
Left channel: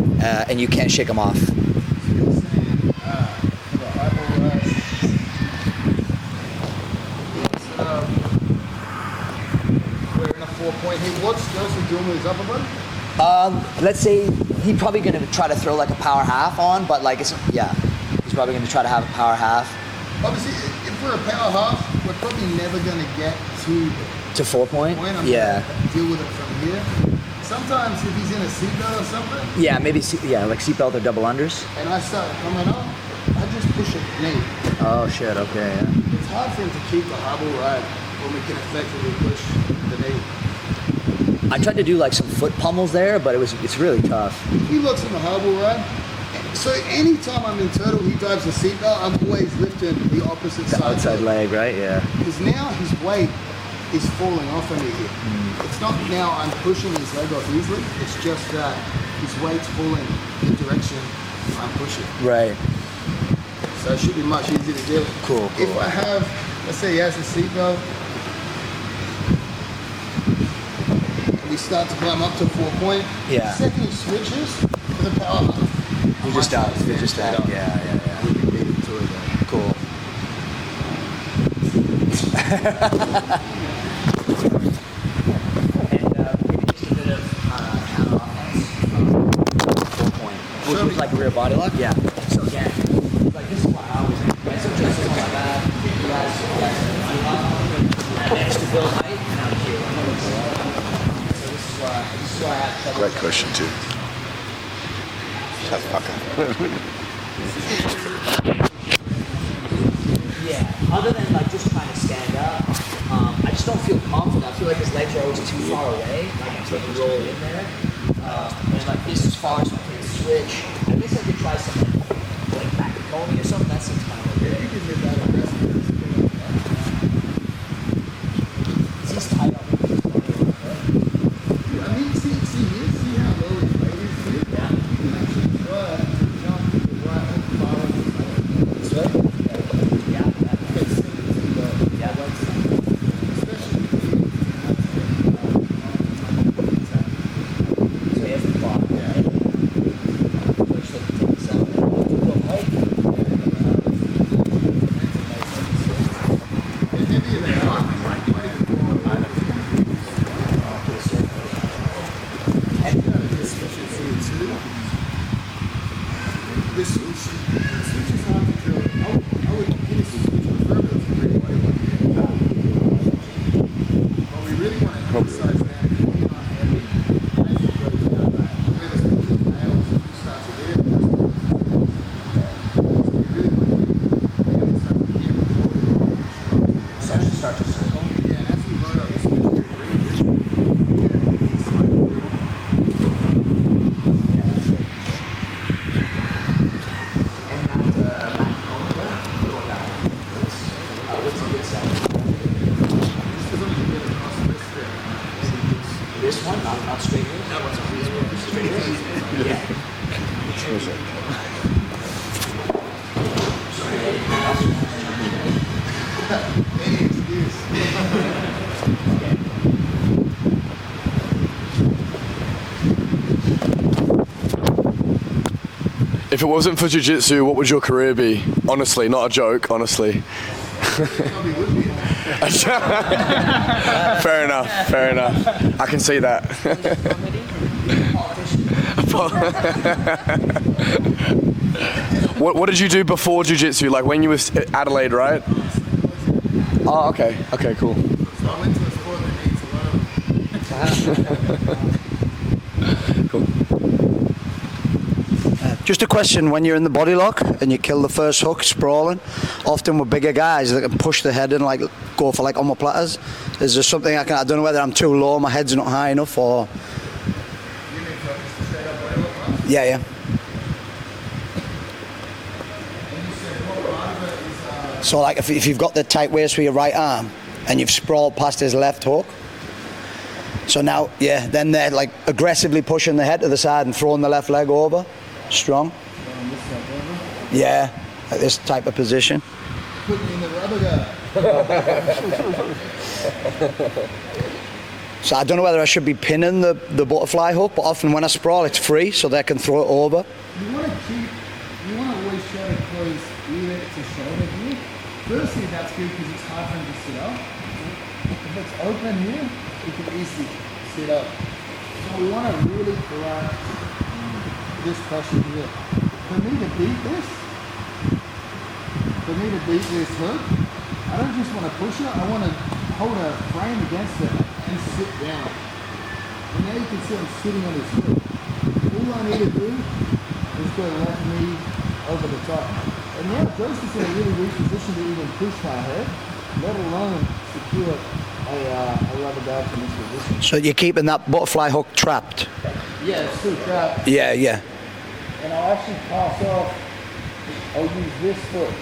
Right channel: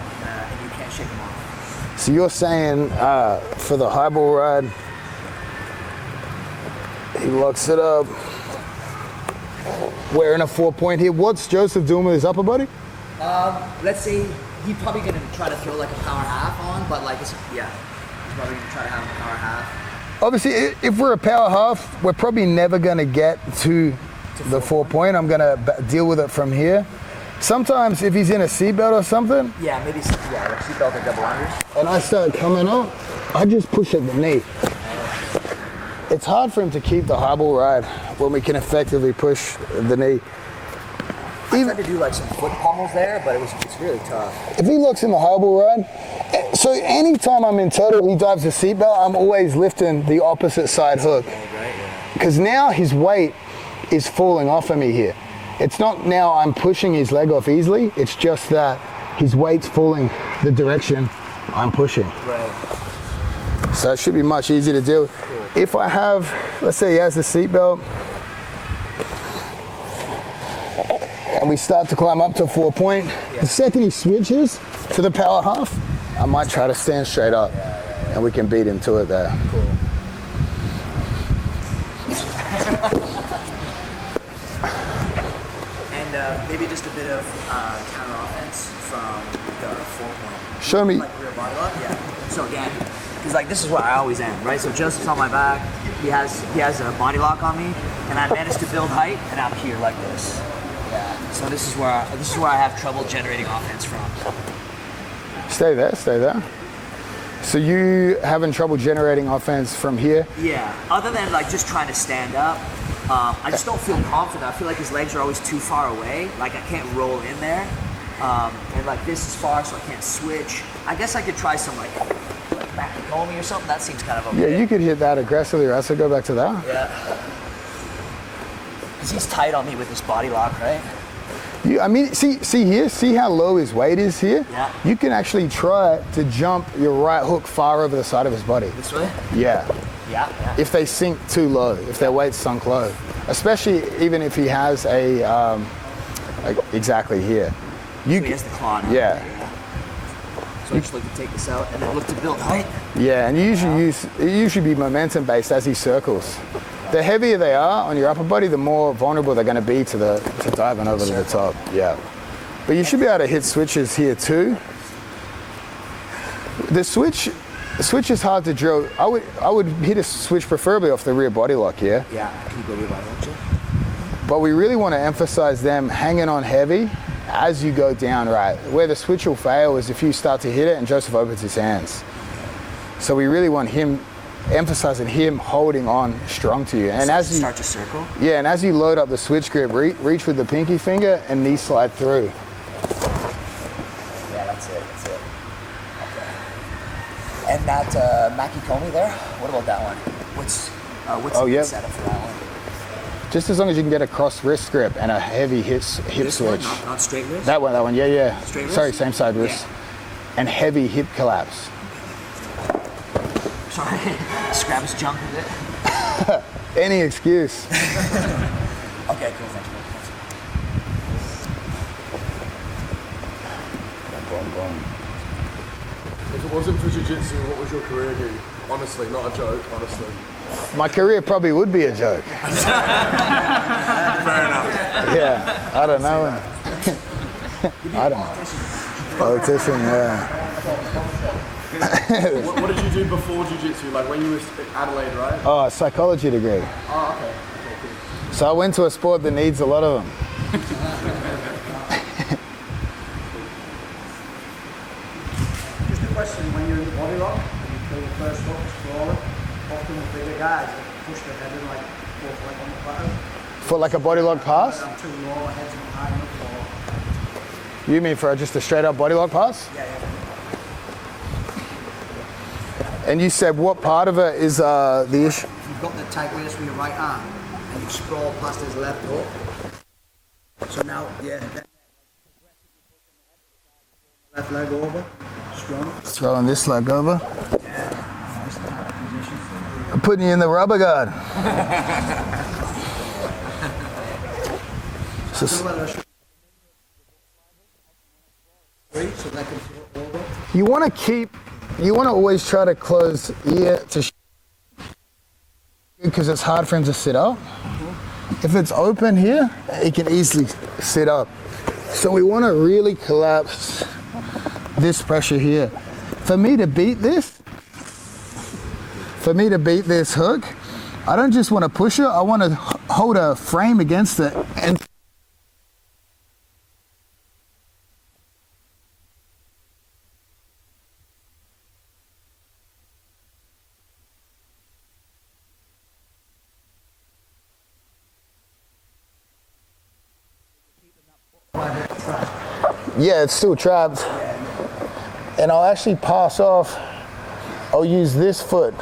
and you can't shake them off. So you're saying for the high ball ride, he locks it up. We're in a 4-point here. What's Joseph doing with his upper body? Let's say he's probably going to try to throw like a power half on, but like he's probably going to try to have a power half. Obviously, if we're a power half, we're probably never going to get to the 4-point. I'm going to deal with it from here. Sometimes if he's in a seatbelt or something. Yeah, maybe, like seatbelt or double unders. And I start coming up, I just push at the knee. Oh shit, okay. It's hard for him to keep the high ball ride when we can effectively push the knee. I tried to do like some foot pummels there, but it's really tough. If he looks in the high ball ride, so anytime I'm in total, he drives the seatbelt, I'm always lifting the opposite side hook. Leg, right? Yeah. Because now his weight is falling off of me here. It's not now I'm pushing his leg off easily, it's just that his weight's falling the direction I'm pushing. Right. So it should be much easier to do. Cool. If I have, let's say he has a seatbelt, and we start to climb up to 4-point, the second he switches to the power half, I might try to stand straight up, and we can beat him to it there. Cool. And maybe just a bit of counter offense from the 4-point. Show me. Like rear body lock? Yeah. So again, it's like this is where I always am, right? So Justice on my back, he has a body lock on me, and I managed to build height, and I'm here like this. Yeah. So this is where I have trouble generating offense from. Stay there. So you having trouble generating offense from here? Yeah. Other than like just trying to stand up, I just don't feel confident. I feel like his legs are always too far away. Like I can't roll in there. And like this is far, so I can't switch. I guess I could try some like back and homing or something. That seems kind of okay. Yeah, you could hit that aggressively, right? So go back to that. Yeah. He's tight on me with his body lock, right? I mean, see here, see how low his weight is here? Yeah. You can actually try to jump your right hook far over the side of his body. This way? Yeah. Yeah. If they sink too low, if their weight's sunk low. Especially even if he has a, like exactly here. So he has the claw now. Yeah. So I just look to take this out and then look to build height. Yeah, and you usually be momentum based as he circles. The heavier they are on your upper body, the more vulnerable they're going to be to diving over the top. Yeah. But you should be able to hit switches here too. The switch is hard to drill. I would hit a switch preferably off the rear body lock, yeah? But we really want to emphasize them hanging on heavy as you go down, right? Where the switch will fail is if you start to hit it and just focus his hands. So we really want emphasizing him holding on strong to you. And so as you start to circle? Yeah, and as you load up the switch grip, reach with the pinky finger and knee slide through. Yeah, that's it. And that Mackie Comey there, what about that one? What's the incentive for that one? Just as long as you can get a cross wrist grip and a heavy hip switch. Not straight wrist? That one, yeah. Straight Sorry, wrist? same side wrist. And heavy hip collapse. Sorry, Scrap's jumping. Any excuse. Okay. If it wasn't for jiu-jitsu, what would your career be? Honestly, not a joke, honestly. My career probably would be a joke. Fair enough. I can see that. What did you do before jiu-jitsu? Like when you was at Adelaide, right? Oh, psychology degree. Oh, okay. Okay, cool. So I went to a sport that needs a lot of Just a question, when you're in the body lock and you kill the first hook sprawling, often with bigger guys that can push the head and like go for like omoplatas. Is there something I don't know whether I'm too low, my head's not high enough, or... You mean for just a straight up body lock pass? Yeah. And you said what part of it is... So like if you've got the tight waist with your right arm and you've sprawled past his left hook, so now, then they're like aggressively pushing the head to the side and throwing the left leg over. Strong. Throwing this leg over? Yeah, like this type of position. I'm putting you in the rubber guard. So I don't know whether I should be pinning the butterfly hook, but often when I sprawl, it's free, so they can throw it over. You want to always try to close ear to shoulder here. Firstly, that's good because it's hard for him to sit up. If it's open here, he can easily sit up. So we want to really collapse this pressure here. For me to beat this hook, I don't just want to push it, I want to hold a frame against it and sit down. And now you can see I'm sitting on his foot. All I need to do is go left knee over the top. And now Josie's in a really weak position to even push my head, let alone secure a rubber guard from this position. So you're keeping that butterfly hook trapped? Yeah, it's still trapped. Yeah. And I'll actually pass off. I'll use this foot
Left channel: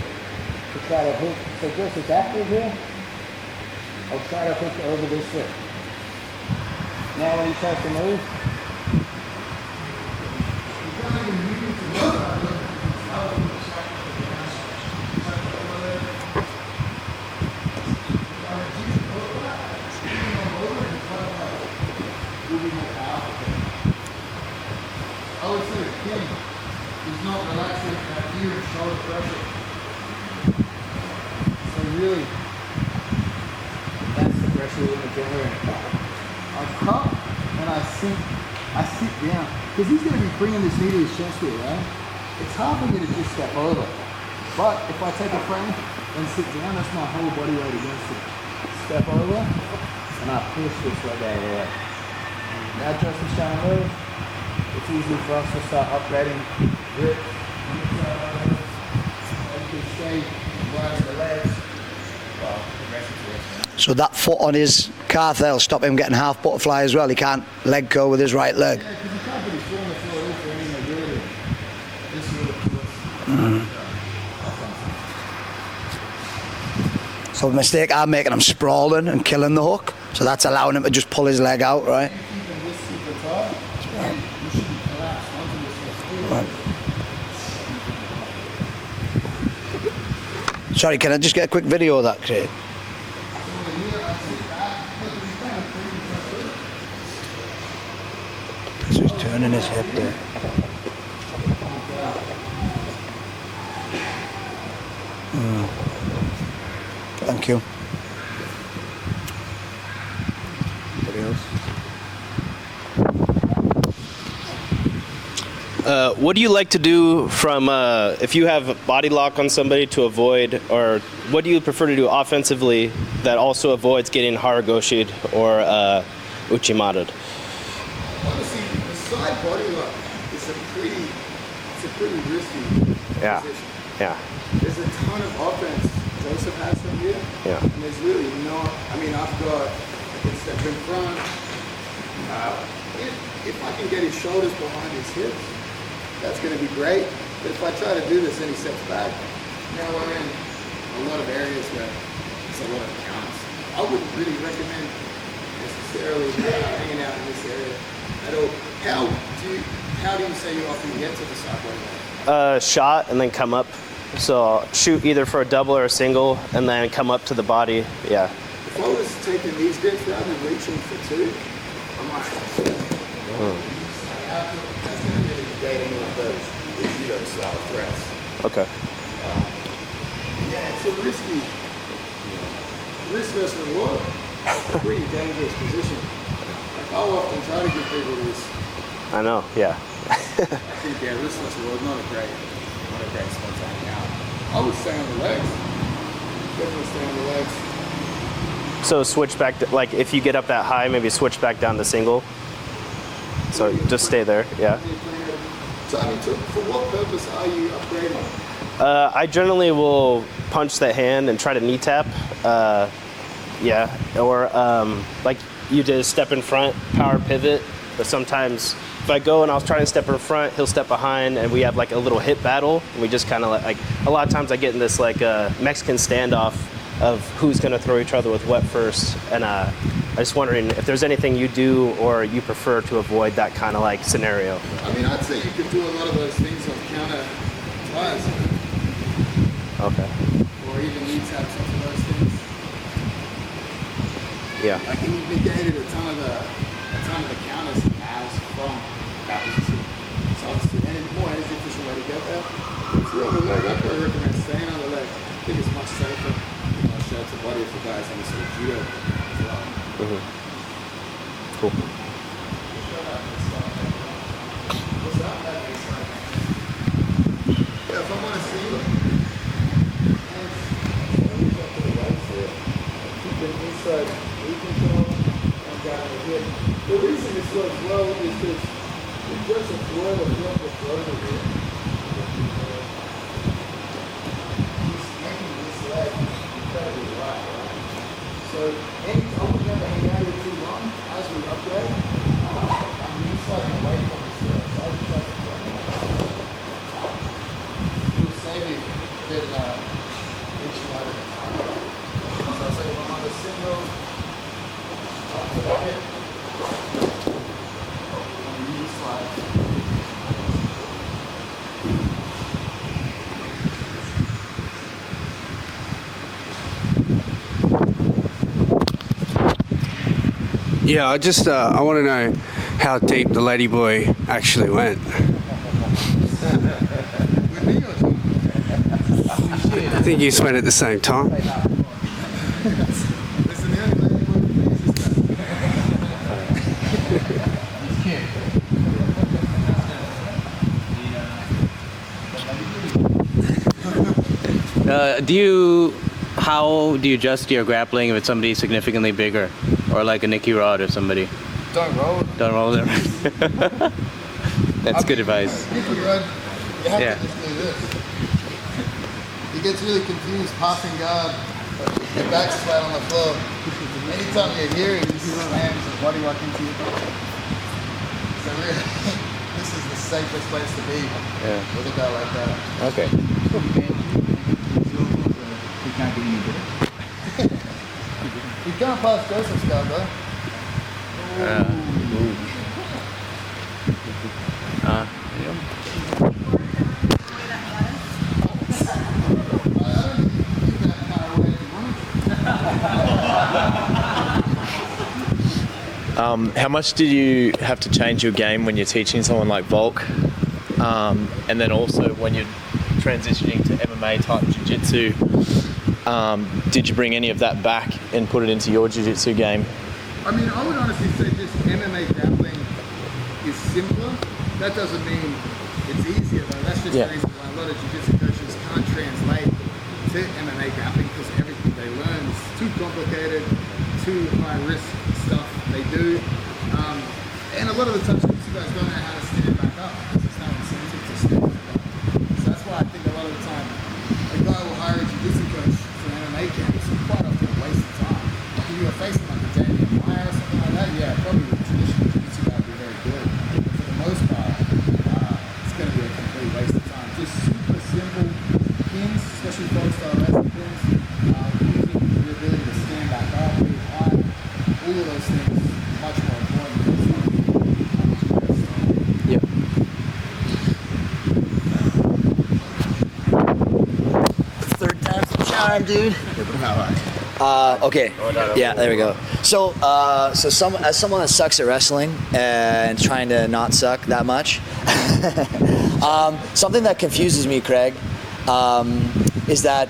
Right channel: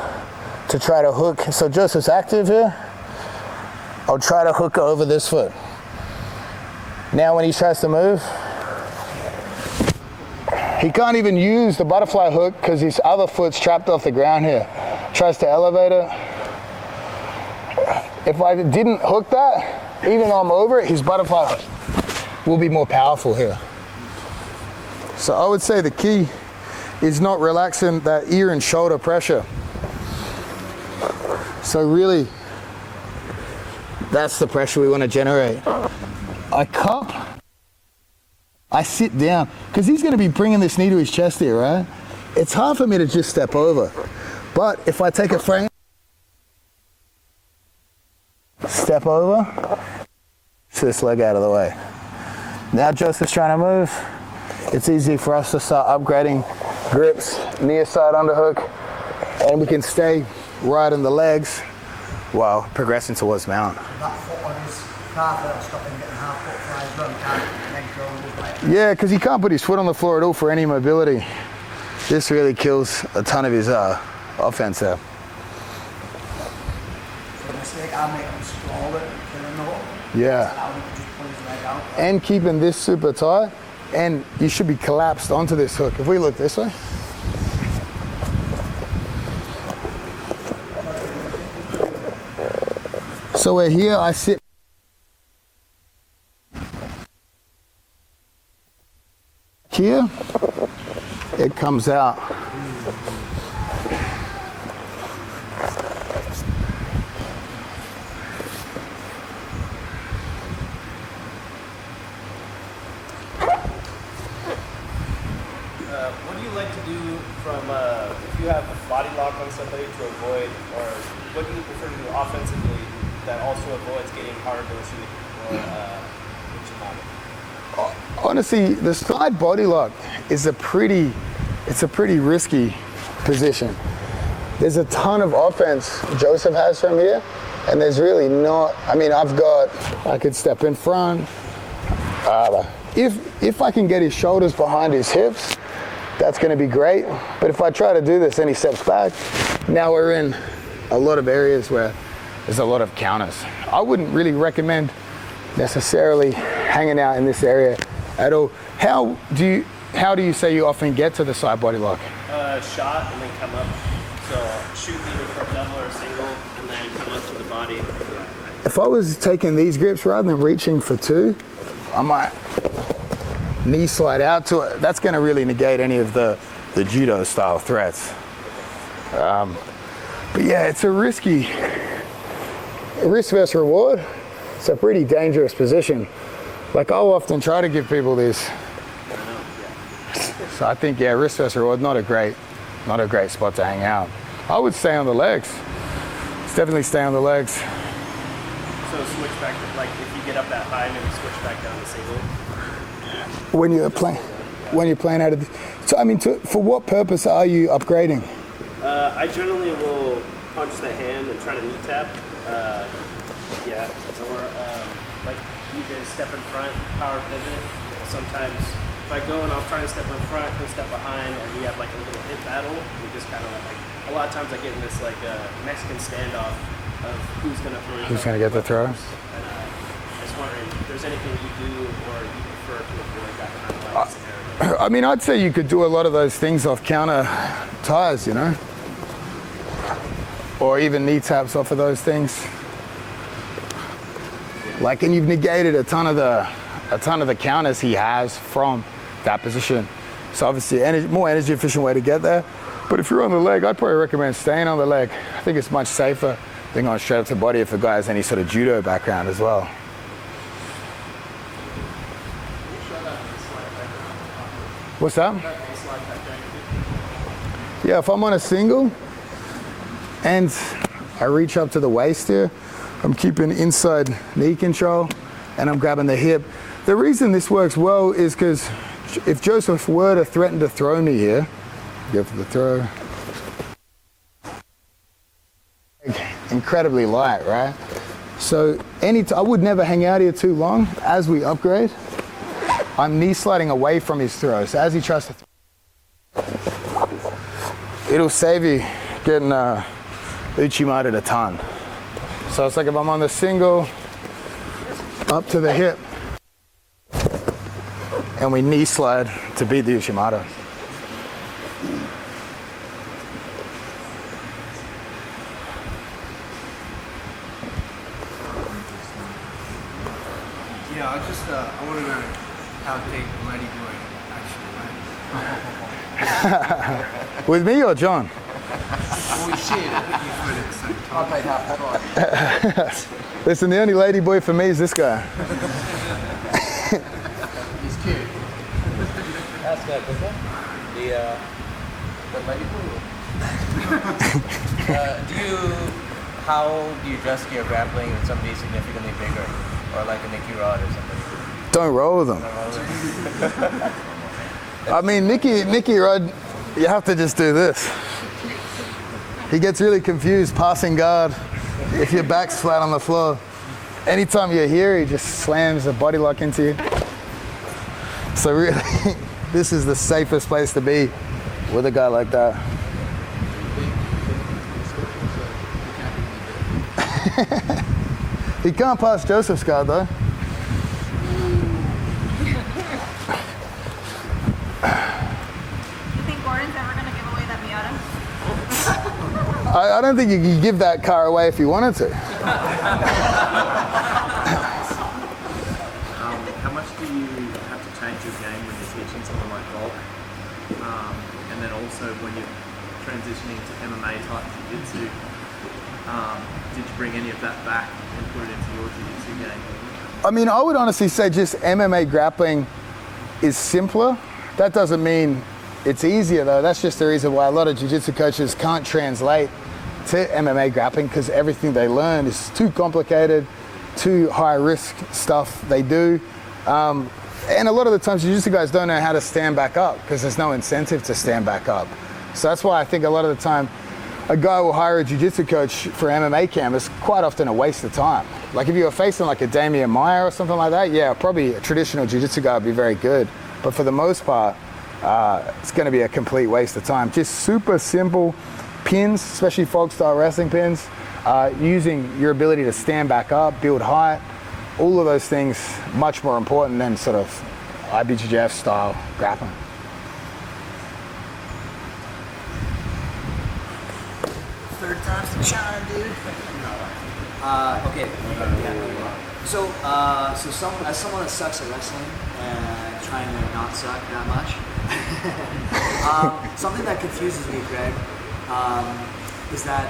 to try to hook. So Joseph's active here. I'll try to hook over this foot. Now when he tries to move, he can't even use the butterfly hook because his other foot's trapped off the ground here. Tries to elevate it. If I didn't hook that, even though I'm over it, his butterfly hook will be more powerful here. So I would say the key is not relaxing that ear and shoulder pressure. So really, that's the pressure we want to generate. I cup and I sit down, because he's going to be bringing this knee to his chest here, right? It's hard for me to just step over. But if I take a frame and sit down, that's my whole body weight against it. Step over, and I push this leg out of the way. Now Joseph's trying to move. It's easy for us to start upgrading grips, near side underhook, and we can stay right in the legs while progressing towards mount. So that foot on his calf, that'll stop him getting half butterfly as well. He can't leg curl with his right leg. Yeah, because he can't put his foot on the floor at all for any mobility. This really kills a ton of his offense there. So the mistake I'm making, I'm sprawling and killing the hook. So that's allowing him to just pull his leg out, right? And keeping this super tight. And you should be collapsed onto this hook. If we look this way. Sorry, can I just get a quick video of that, Craig? So we're here, I sit. So he's turning his here. It comes out. Thank you. What do you like to do from if you have a body lock on somebody to avoid, or what do you prefer to do offensively that also avoids getting haraigoshi or uchimata? Honestly, the stride body lock is a pretty risky position. Yeah. There's a ton of offense Joseph has from here, and there's really not. I mean, I could step in front. If I can get his shoulders behind his hips, that's going to be great. But if I try to do this and he steps back, now we're in a lot of areas where there's a lot of counters. I wouldn't really recommend necessarily hanging out in this area at all. How do you say you often get to the side body lock? Shot and then come up. So I'll shoot either for a double or a single and then come up to the body. Yeah. If I was taking these grips rather than reaching for two, I might knee slide out to it. That's going to really negate any of the judo style threats. Okay. But yeah, it's a risk versus reward. It's a pretty dangerous position. Like, I'll often try to give people this. I know, yeah. So I think, yeah, risk versus reward, not a great spot to hang out. I would stay on the legs. Definitely stay on the legs. So switch back, like if you get up that high, maybe switch back down to single. So just stay there, yeah. When you're playing out of, so I mean, for what purpose are you upgrading? I generally will punch the hand and try to knee tap. Yeah, or like you did, step in front, power pivot. But sometimes if I go and I'll try and step in front, he'll step behind, and we have like a little hip battle. And we just kind of like a lot of times I get in this like Mexican standoff of who's going to throw each other with what first. And I'm just wondering if there's anything you do or you prefer to avoid that kind of like scenario. I mean, I'd say you could do a lot of those things off counter ties, you know? Okay. Or even knee taps off of those things. Yeah. Like, and you've negated a ton of the counters he has from that position. So obviously, more energy efficient way to get there. But if you're on the leg, I'd probably recommend staying on the leg. I think it's much safer than going straight to the body if the guy has any sort of judo background as well. Cool. What's that? Yeah, if I'm on a single and I reach up to the waist here, I'm keeping inside knee control and I'm grabbing the hip. The reason this works well is because if Joseph were to threaten to throw me here, incredibly light, right? So I would never hang out here too long. As we upgrade, I'm knee sliding away from his throw. So as he tries to, it'll save you getting uchimata a ton. So it's like if I'm on the single, up to the hip, and we knee slide to beat the uchimata. Yeah, I want to know how deep the lady boy actually went. With me or John? I think you went at the same time. Listen, the only lady boy for me is this guy. He's cute. How do you adjust your grappling if it's somebody significantly bigger, or like a Nicky Rod or somebody? Don't roll them. Don't roll them. I mean, Nicky Rod, you have to just do this. He gets really confused passing guard if your back's flat on the floor. Anytime you're here, he just slams a body lock into you. So really, this is the safest place to be with a guy like that. Okay. He can't pass Joseph's guard though. I don't think you can give that car away if you wanted to. How much do you have to change your game when you're teaching someone like Volk? And then also when you're transitioning to MMA type jiu-jitsu, did you bring any of that back and put it into your jiu-jitsu game? I mean, I would honestly say just MMA grappling is simpler. That doesn't mean It's easier though. That's just the reason why a lot of jiu-jitsu coaches can't translate to MMA grappling, because everything they learn is too complicated, too high risk stuff they do. And a lot of the times jiu-jitsu guys don't know how to stand back up because there's no incentive to stand back up. So that's why I think a lot of the time a guy will hire a jiu-jitsu coach for MMA camp is quite often a waste of time. Like if you were facing like a Damian Maia or something like that, yeah, probably a traditional jiu-jitsu guy would be very good. But for the most part, it's going to be a complete waste of time. Just super simple pins, especially folk style wrestling pins, using your ability to stand back up, build high, all of those things much more important than sort of IBJJF style grappling. Third time's the charm, dude. Okay. Yeah, there we go. So, as someone that sucks at wrestling and trying to not suck that much, something that confuses me, Craig, is that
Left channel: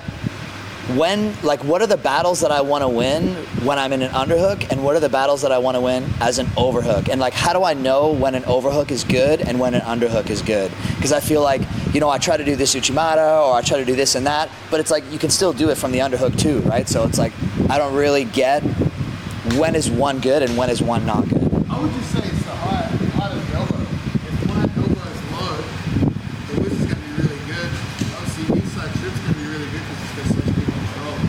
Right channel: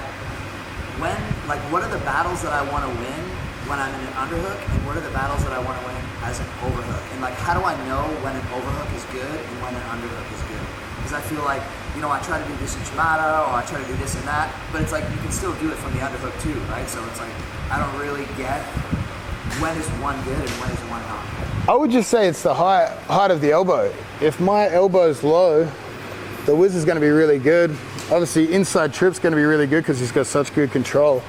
what are the battles that I want to win when I'm in an underhook, and what are the battles that I want to win as an overhook? And like, how do I know when an overhook is good and when an underhook is good? Because I feel like, I try to do this uchimata or I try to do this and that, but it's like you can still do it from the underhook too, right? So it's like I don't really get when is one good and when is one not good. I would just say it's the height of the elbow. If my elbow's low, the whiz is going to be really good. Obviously, inside trip's going to be really good because he's got such good control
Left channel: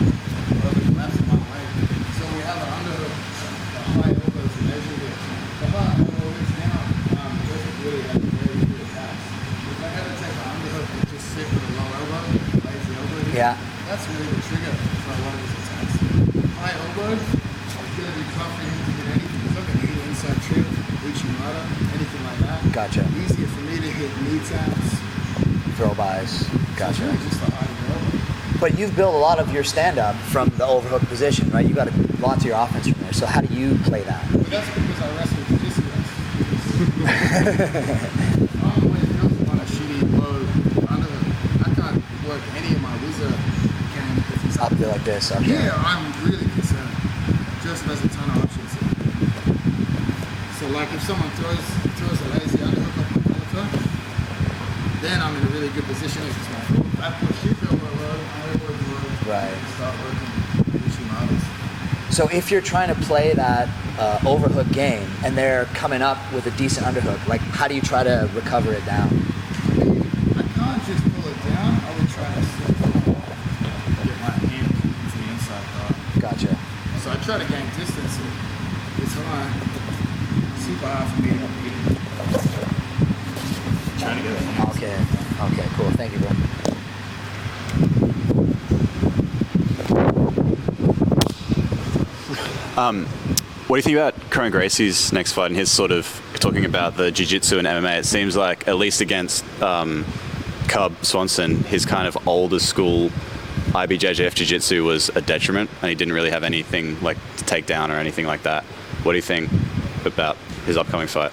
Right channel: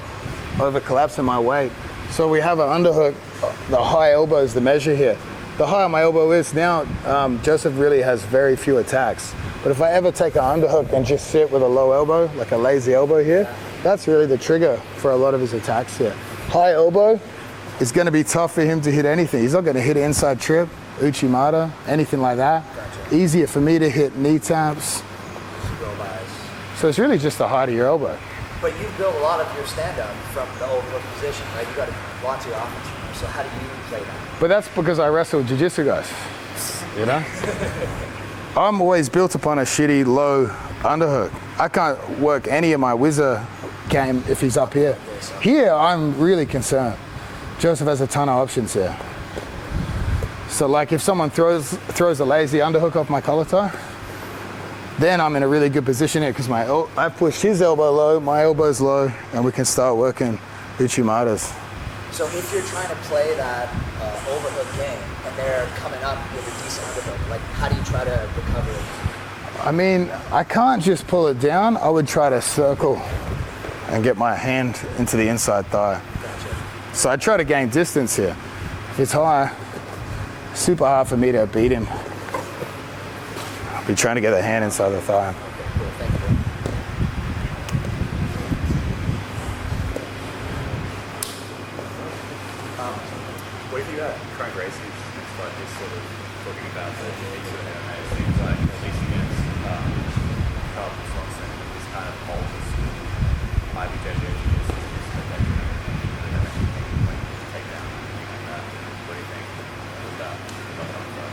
over collapsing my weight. So we have an underhook. The high elbow is the measure here. The higher my elbow is now, Joseph really has very few attacks. But if I ever take an underhook and just sit with a low elbow, like a lazy elbow here, that's really the trigger for a lot of his attacks here. High elbow is going to be tough for him to hit anything. He's not going to hit inside trip, uchimata, anything like that. Gotcha. Easier for me to hit knee taps, throw bys. So it's really just the height of your elbow. But you've built a lot of your stand-up from the overhook position, right? You've got lots of your offense from there. So how do you play that? But that's because I wrestle jiu-jitsu guys. You know? I'm always built upon a shitty low underhook. I can't work any of my whizzer game if he's up here. Like this. Okay. Here, I'm really concerned. Joseph has a ton of options here. So like if someone throws a lazy underhook off my collar tie, then I'm in a really good position here because I pushed his elbow low, my elbow's low, and we can start working uchimatas. So if you're trying to play that overhook game and they're coming up with a decent underhook, like how do you try to recover it down? I mean, I can't just pull it down. I would try to circle and get my hand into the inside thigh. Gotcha. So I try to gain distance here. If it's high, super hard for me to beat him. We're trying to get a hand inside the thigh. Okay, cool. Thank you, bro. What do you think about Kron Gracie's next fight and his sort of talking about the jiu-jitsu and MMA? It seems like, at least against Cub Swanson, his kind of older school IBJJF jiu-jitsu was a detriment and he didn't really have anything like to take down or anything like that. What do you think about his upcoming fight?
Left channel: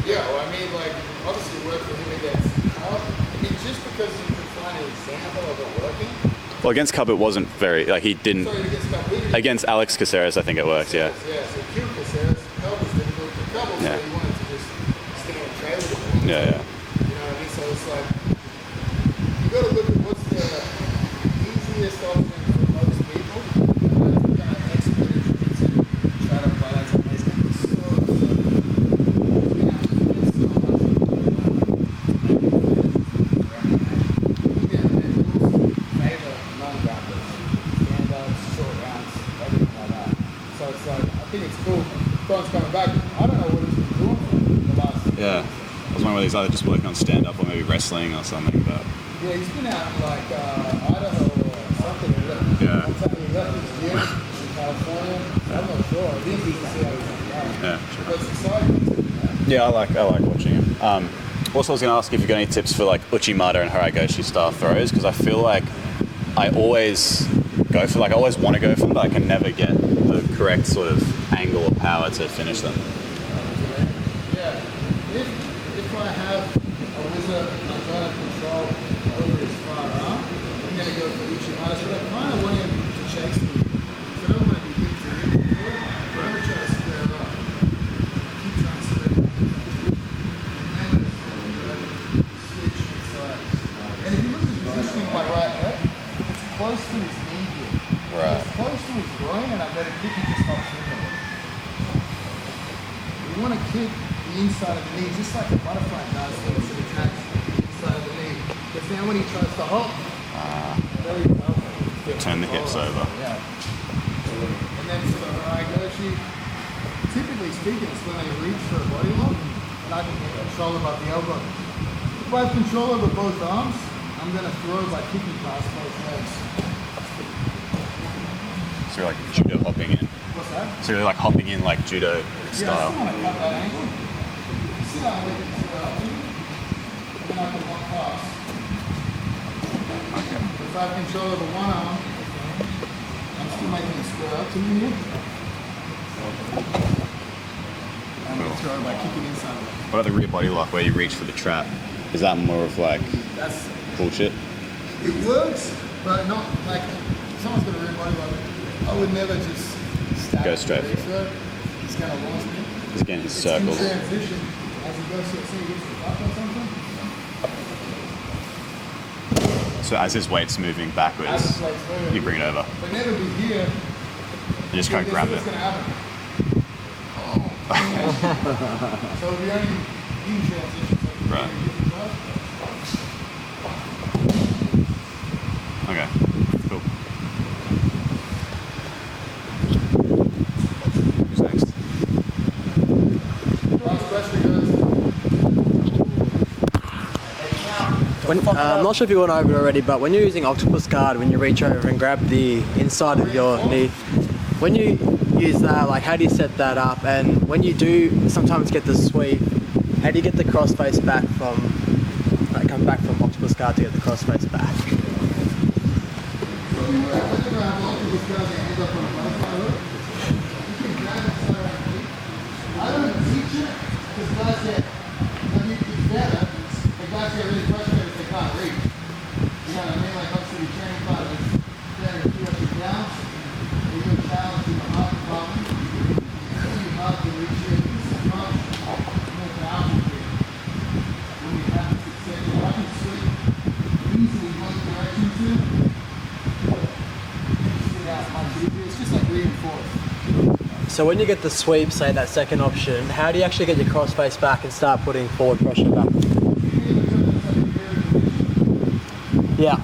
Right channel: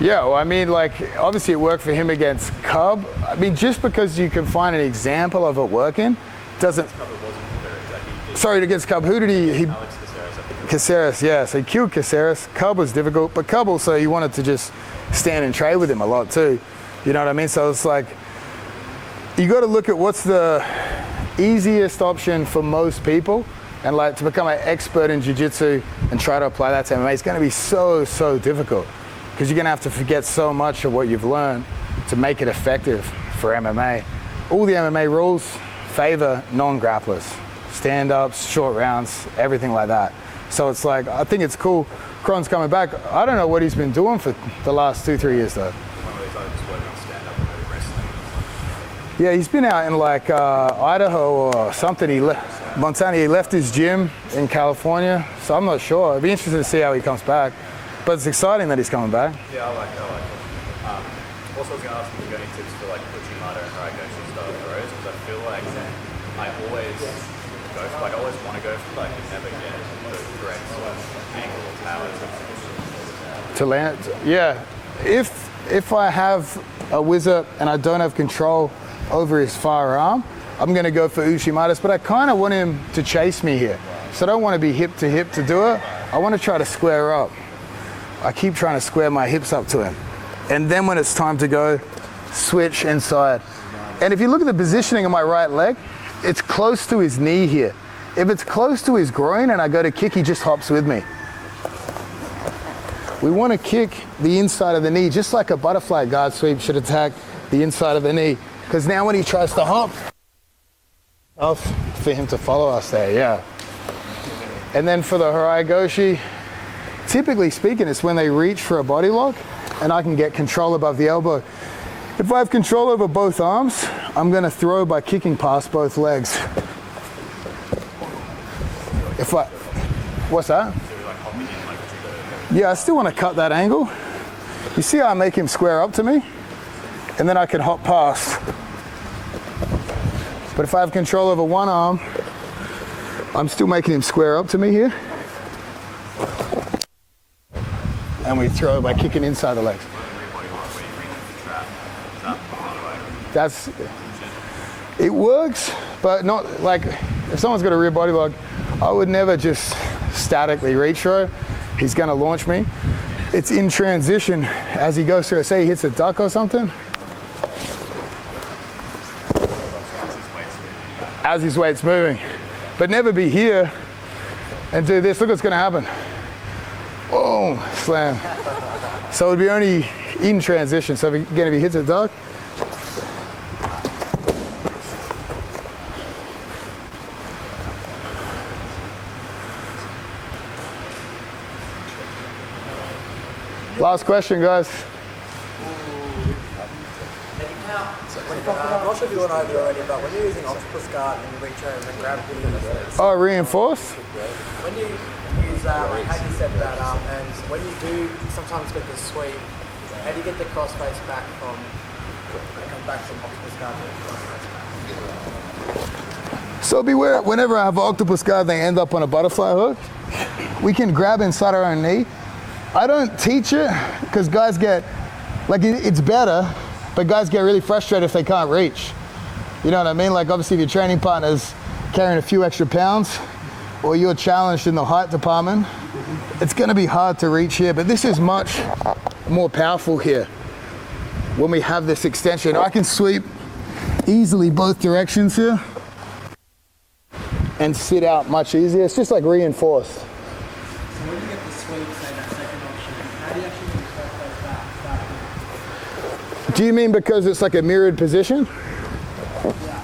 Yeah, well, I mean, like, obviously it worked for him against Cub. I mean, just because you can find an example of it working. Well, against Cub, it wasn't very, like, he didn't. Sorry, against Cub, who did he? Against Alex Caceres, I think it was. Caceres, yeah. So he killed Caceres. Cub was difficult, but Cub also, he wanted to just stand and trade with him a lot too. Yeah. You know what I mean? So it's like, you got to look at what's the easiest option for most people, and like to become an expert in jiu-jitsu and try to apply that to MMA, it's going to be so difficult because you're going to have to forget so much of what you've learned to make it effective for MMA. All the MMA rules favor non-grapplers, stand-ups, short rounds, everything like that. So it's like, I think it's cool. Kron's coming back. I don't know what he's been doing for the last 2-3 years though. I was wondering whether he's either just working on stand-up or maybe wrestling or something. Yeah, he's been out in like Idaho or something. He left Montana. He left his gym in California, so I'm not sure. It'd be interesting to see how he comes back. Yeah. But it's exciting that he's coming back. Yeah, I like watching him. Also, I was going to ask if you've got any tips for like uchimata and haraigoshi style throws, because I feel like I always go for, like, I always want to go for them, but I can never get the correct sort of angle or power to finish them. To land, yeah. If I have a whizzer and I don't have control over his firearm, I'm going to go for uchimatas, but I kind of want him to chase me here. So I don't want to be hip to hip to do it. I want to try to square up. I keep trying to square my hips up to him. And then when it's time to go, switch inside. And if you look at the positioning of my right leg, it's close to his knee here. If it's close to his groin and I go to kick, he just hops with me. We want to kick the inside of the knee, just like a butterfly guard sweep should attack the inside of the knee. Because now when he tries to hop, for him to follow us there, yeah. And then for the haraigoshi, typically speaking, it's when they reach for a body lock and I can get control above the elbow. If I have control over both arms, I'm going to throw by kicking past both legs. So you're like judo hopping in. What's that? So you're like hopping in like judo Yeah, I still want to cut that angle. You see how I make him square up to me? And then I can hop past. But if I have control over one arm, I'm still making him square up to me here. And we throw it by kicking inside the legs. What about the rear body lock where you reach for the trap? Is that more of like that's bullshit? It works, but not like if someone's got a rear body lock, I would never just statically reach for it. He's going to launch me. It's in transition as he goes through. Say he hits a duck or something. So as his weight's moving backwards. As his weight's moving. You bring it over. But never be here and do this. Look what's going to happen. Oh, slam. So it'll be only in transition. So if he hits a duck. Okay, cool. Last question, guys. I'm not sure if you went over it already, but when you're using octopus guard, when you reach over and grab the inside of your knee, when you use that, like how do you set that up? And when you do sometimes get the sweep, how do you get the crossface back from, like come back from octopus guard to get the crossface back? So beware, whenever I have an octopus guard, they end up on a butterfly hook. We can grab inside our own knee. I don't teach it because guys get, like it's better, but guys get really frustrated if they can't reach. You know what I mean? Like obviously if your training partner's carrying a few extra pounds or you're challenged in the height department, it's gonna be hard to reach here, but this is much more powerful here. When we have this extension, I can sweep easily both directions here and sit out much easier. It's just like reinforced. So when you get the sweep, say that second option, how do you actually get your crossface back and start putting forward pressure down? Do you mean because it's like a mirrored position? Yeah.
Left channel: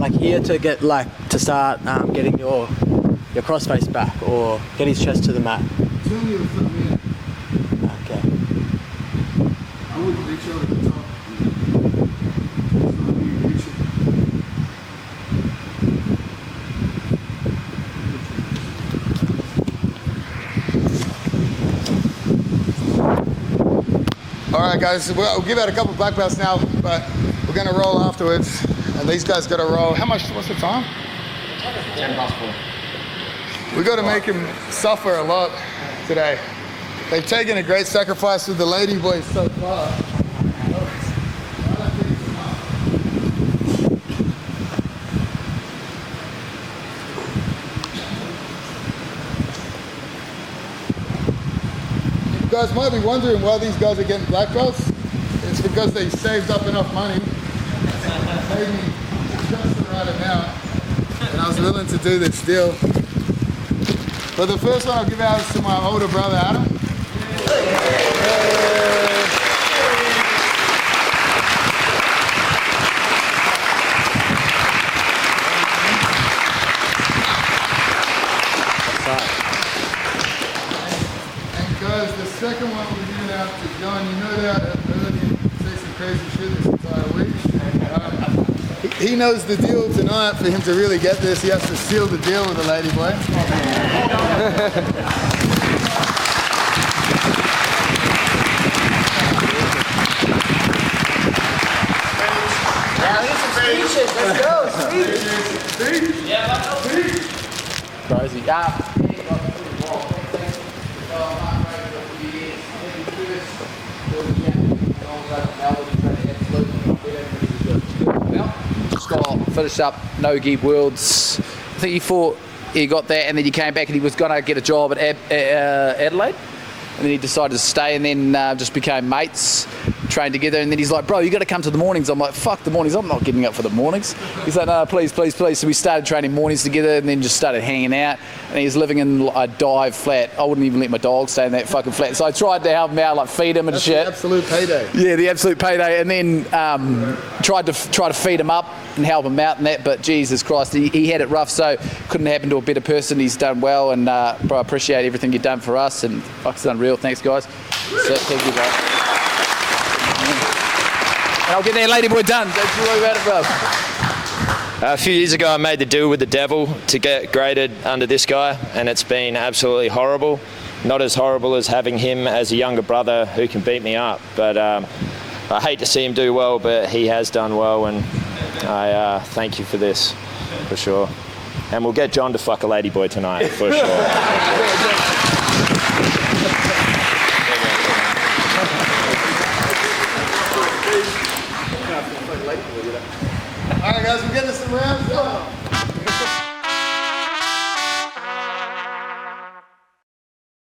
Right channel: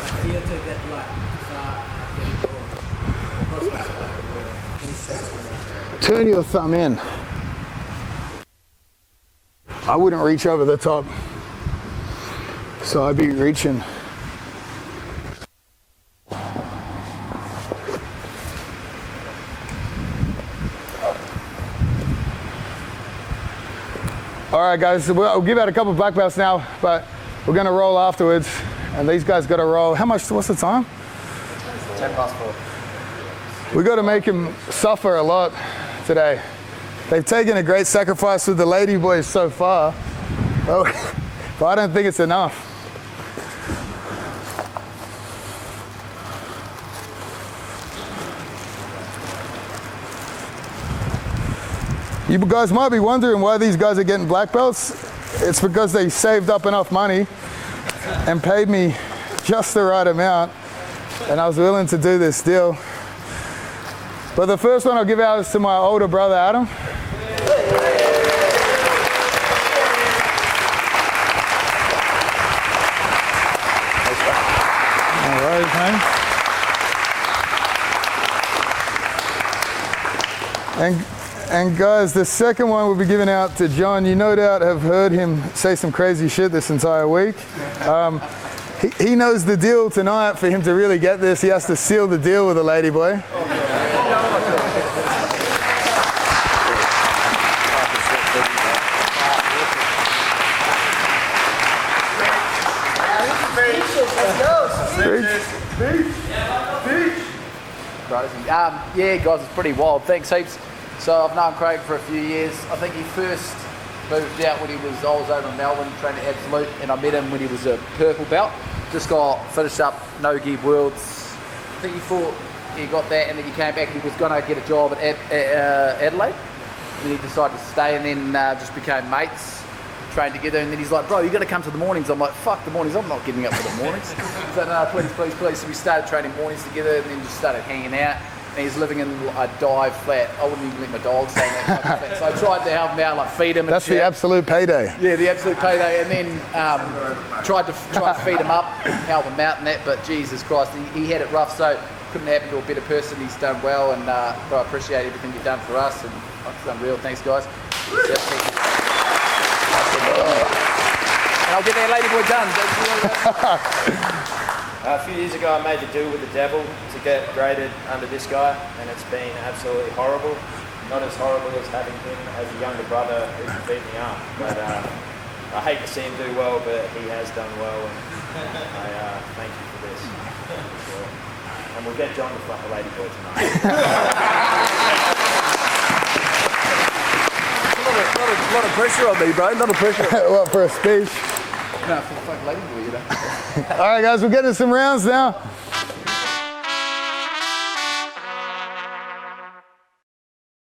Like here to get to start getting your crossface back or get his chest to the mat. Turn your thumb in. Okay. I wouldn't reach over the top. So I'd be reaching. All right, guys, I'll give out a couple of black belts now, but we're gonna roll afterwards, and these guys gotta roll. What's the time? 4:10. We gotta make him suffer a lot today. They've taken a great sacrifice with the lady boys so far, but I don't think it's enough. You guys might be wondering why these guys are getting black belts. It's because they saved up enough money and paid me just the right amount, and I was willing to do this deal. But the first one I'll give out is to my older brother, Adam. And guys, the second one will be given out to John. You no doubt have heard him say some crazy shit this entire week. He knows the deal tonight. For him to really get this, he has to seal the deal with the lady boy. Crazy. Yeah, guys, it's pretty wild. Thanks heaps. So I've known Craig for a few years. I think he first moved out when I was over in Melbourne training Absolute, and I met him when he was a purple belt. Just finished up no-gi worlds. I think he got that, and then he came back and he was going to get a job at Adelaide. then he decided to stay, and then just became mates, trained together. And then he's like, bro, you got to come to the mornings. I'm like, fuck the mornings, I'm not getting up for the mornings. He's like, no, please. So we started training mornings together, and then just started hanging out. And he's living in a dive flat. I wouldn't even let my dog stay in that fucking flat. So I tried to help him out, like feed him and That's shit. the absolute payday. Yeah, the absolute payday. And then tried to feed him up and help him out and that. But Jesus Christ, he had it rough. So couldn't happen to a better person. He's done well, and bro, I appreciate everything you've done for us. And fuck, it's unreal. Thanks, guys. So, thank you, bro. And I'll get that lady boy done. Don't you worry about it, bro. A few years ago, I made the deal with the devil to get graded under this guy, and it's been absolutely horrible. Not as horrible as having him as a younger brother who can beat me up, but I hate to see him do well, but he has done well, and I thank you for this, for sure. And we'll get John to fuck a ladyboy tonight, for sure. Pressure on me, bro. Another pressure. What for a speech? All right, guys, we're getting to some rounds now.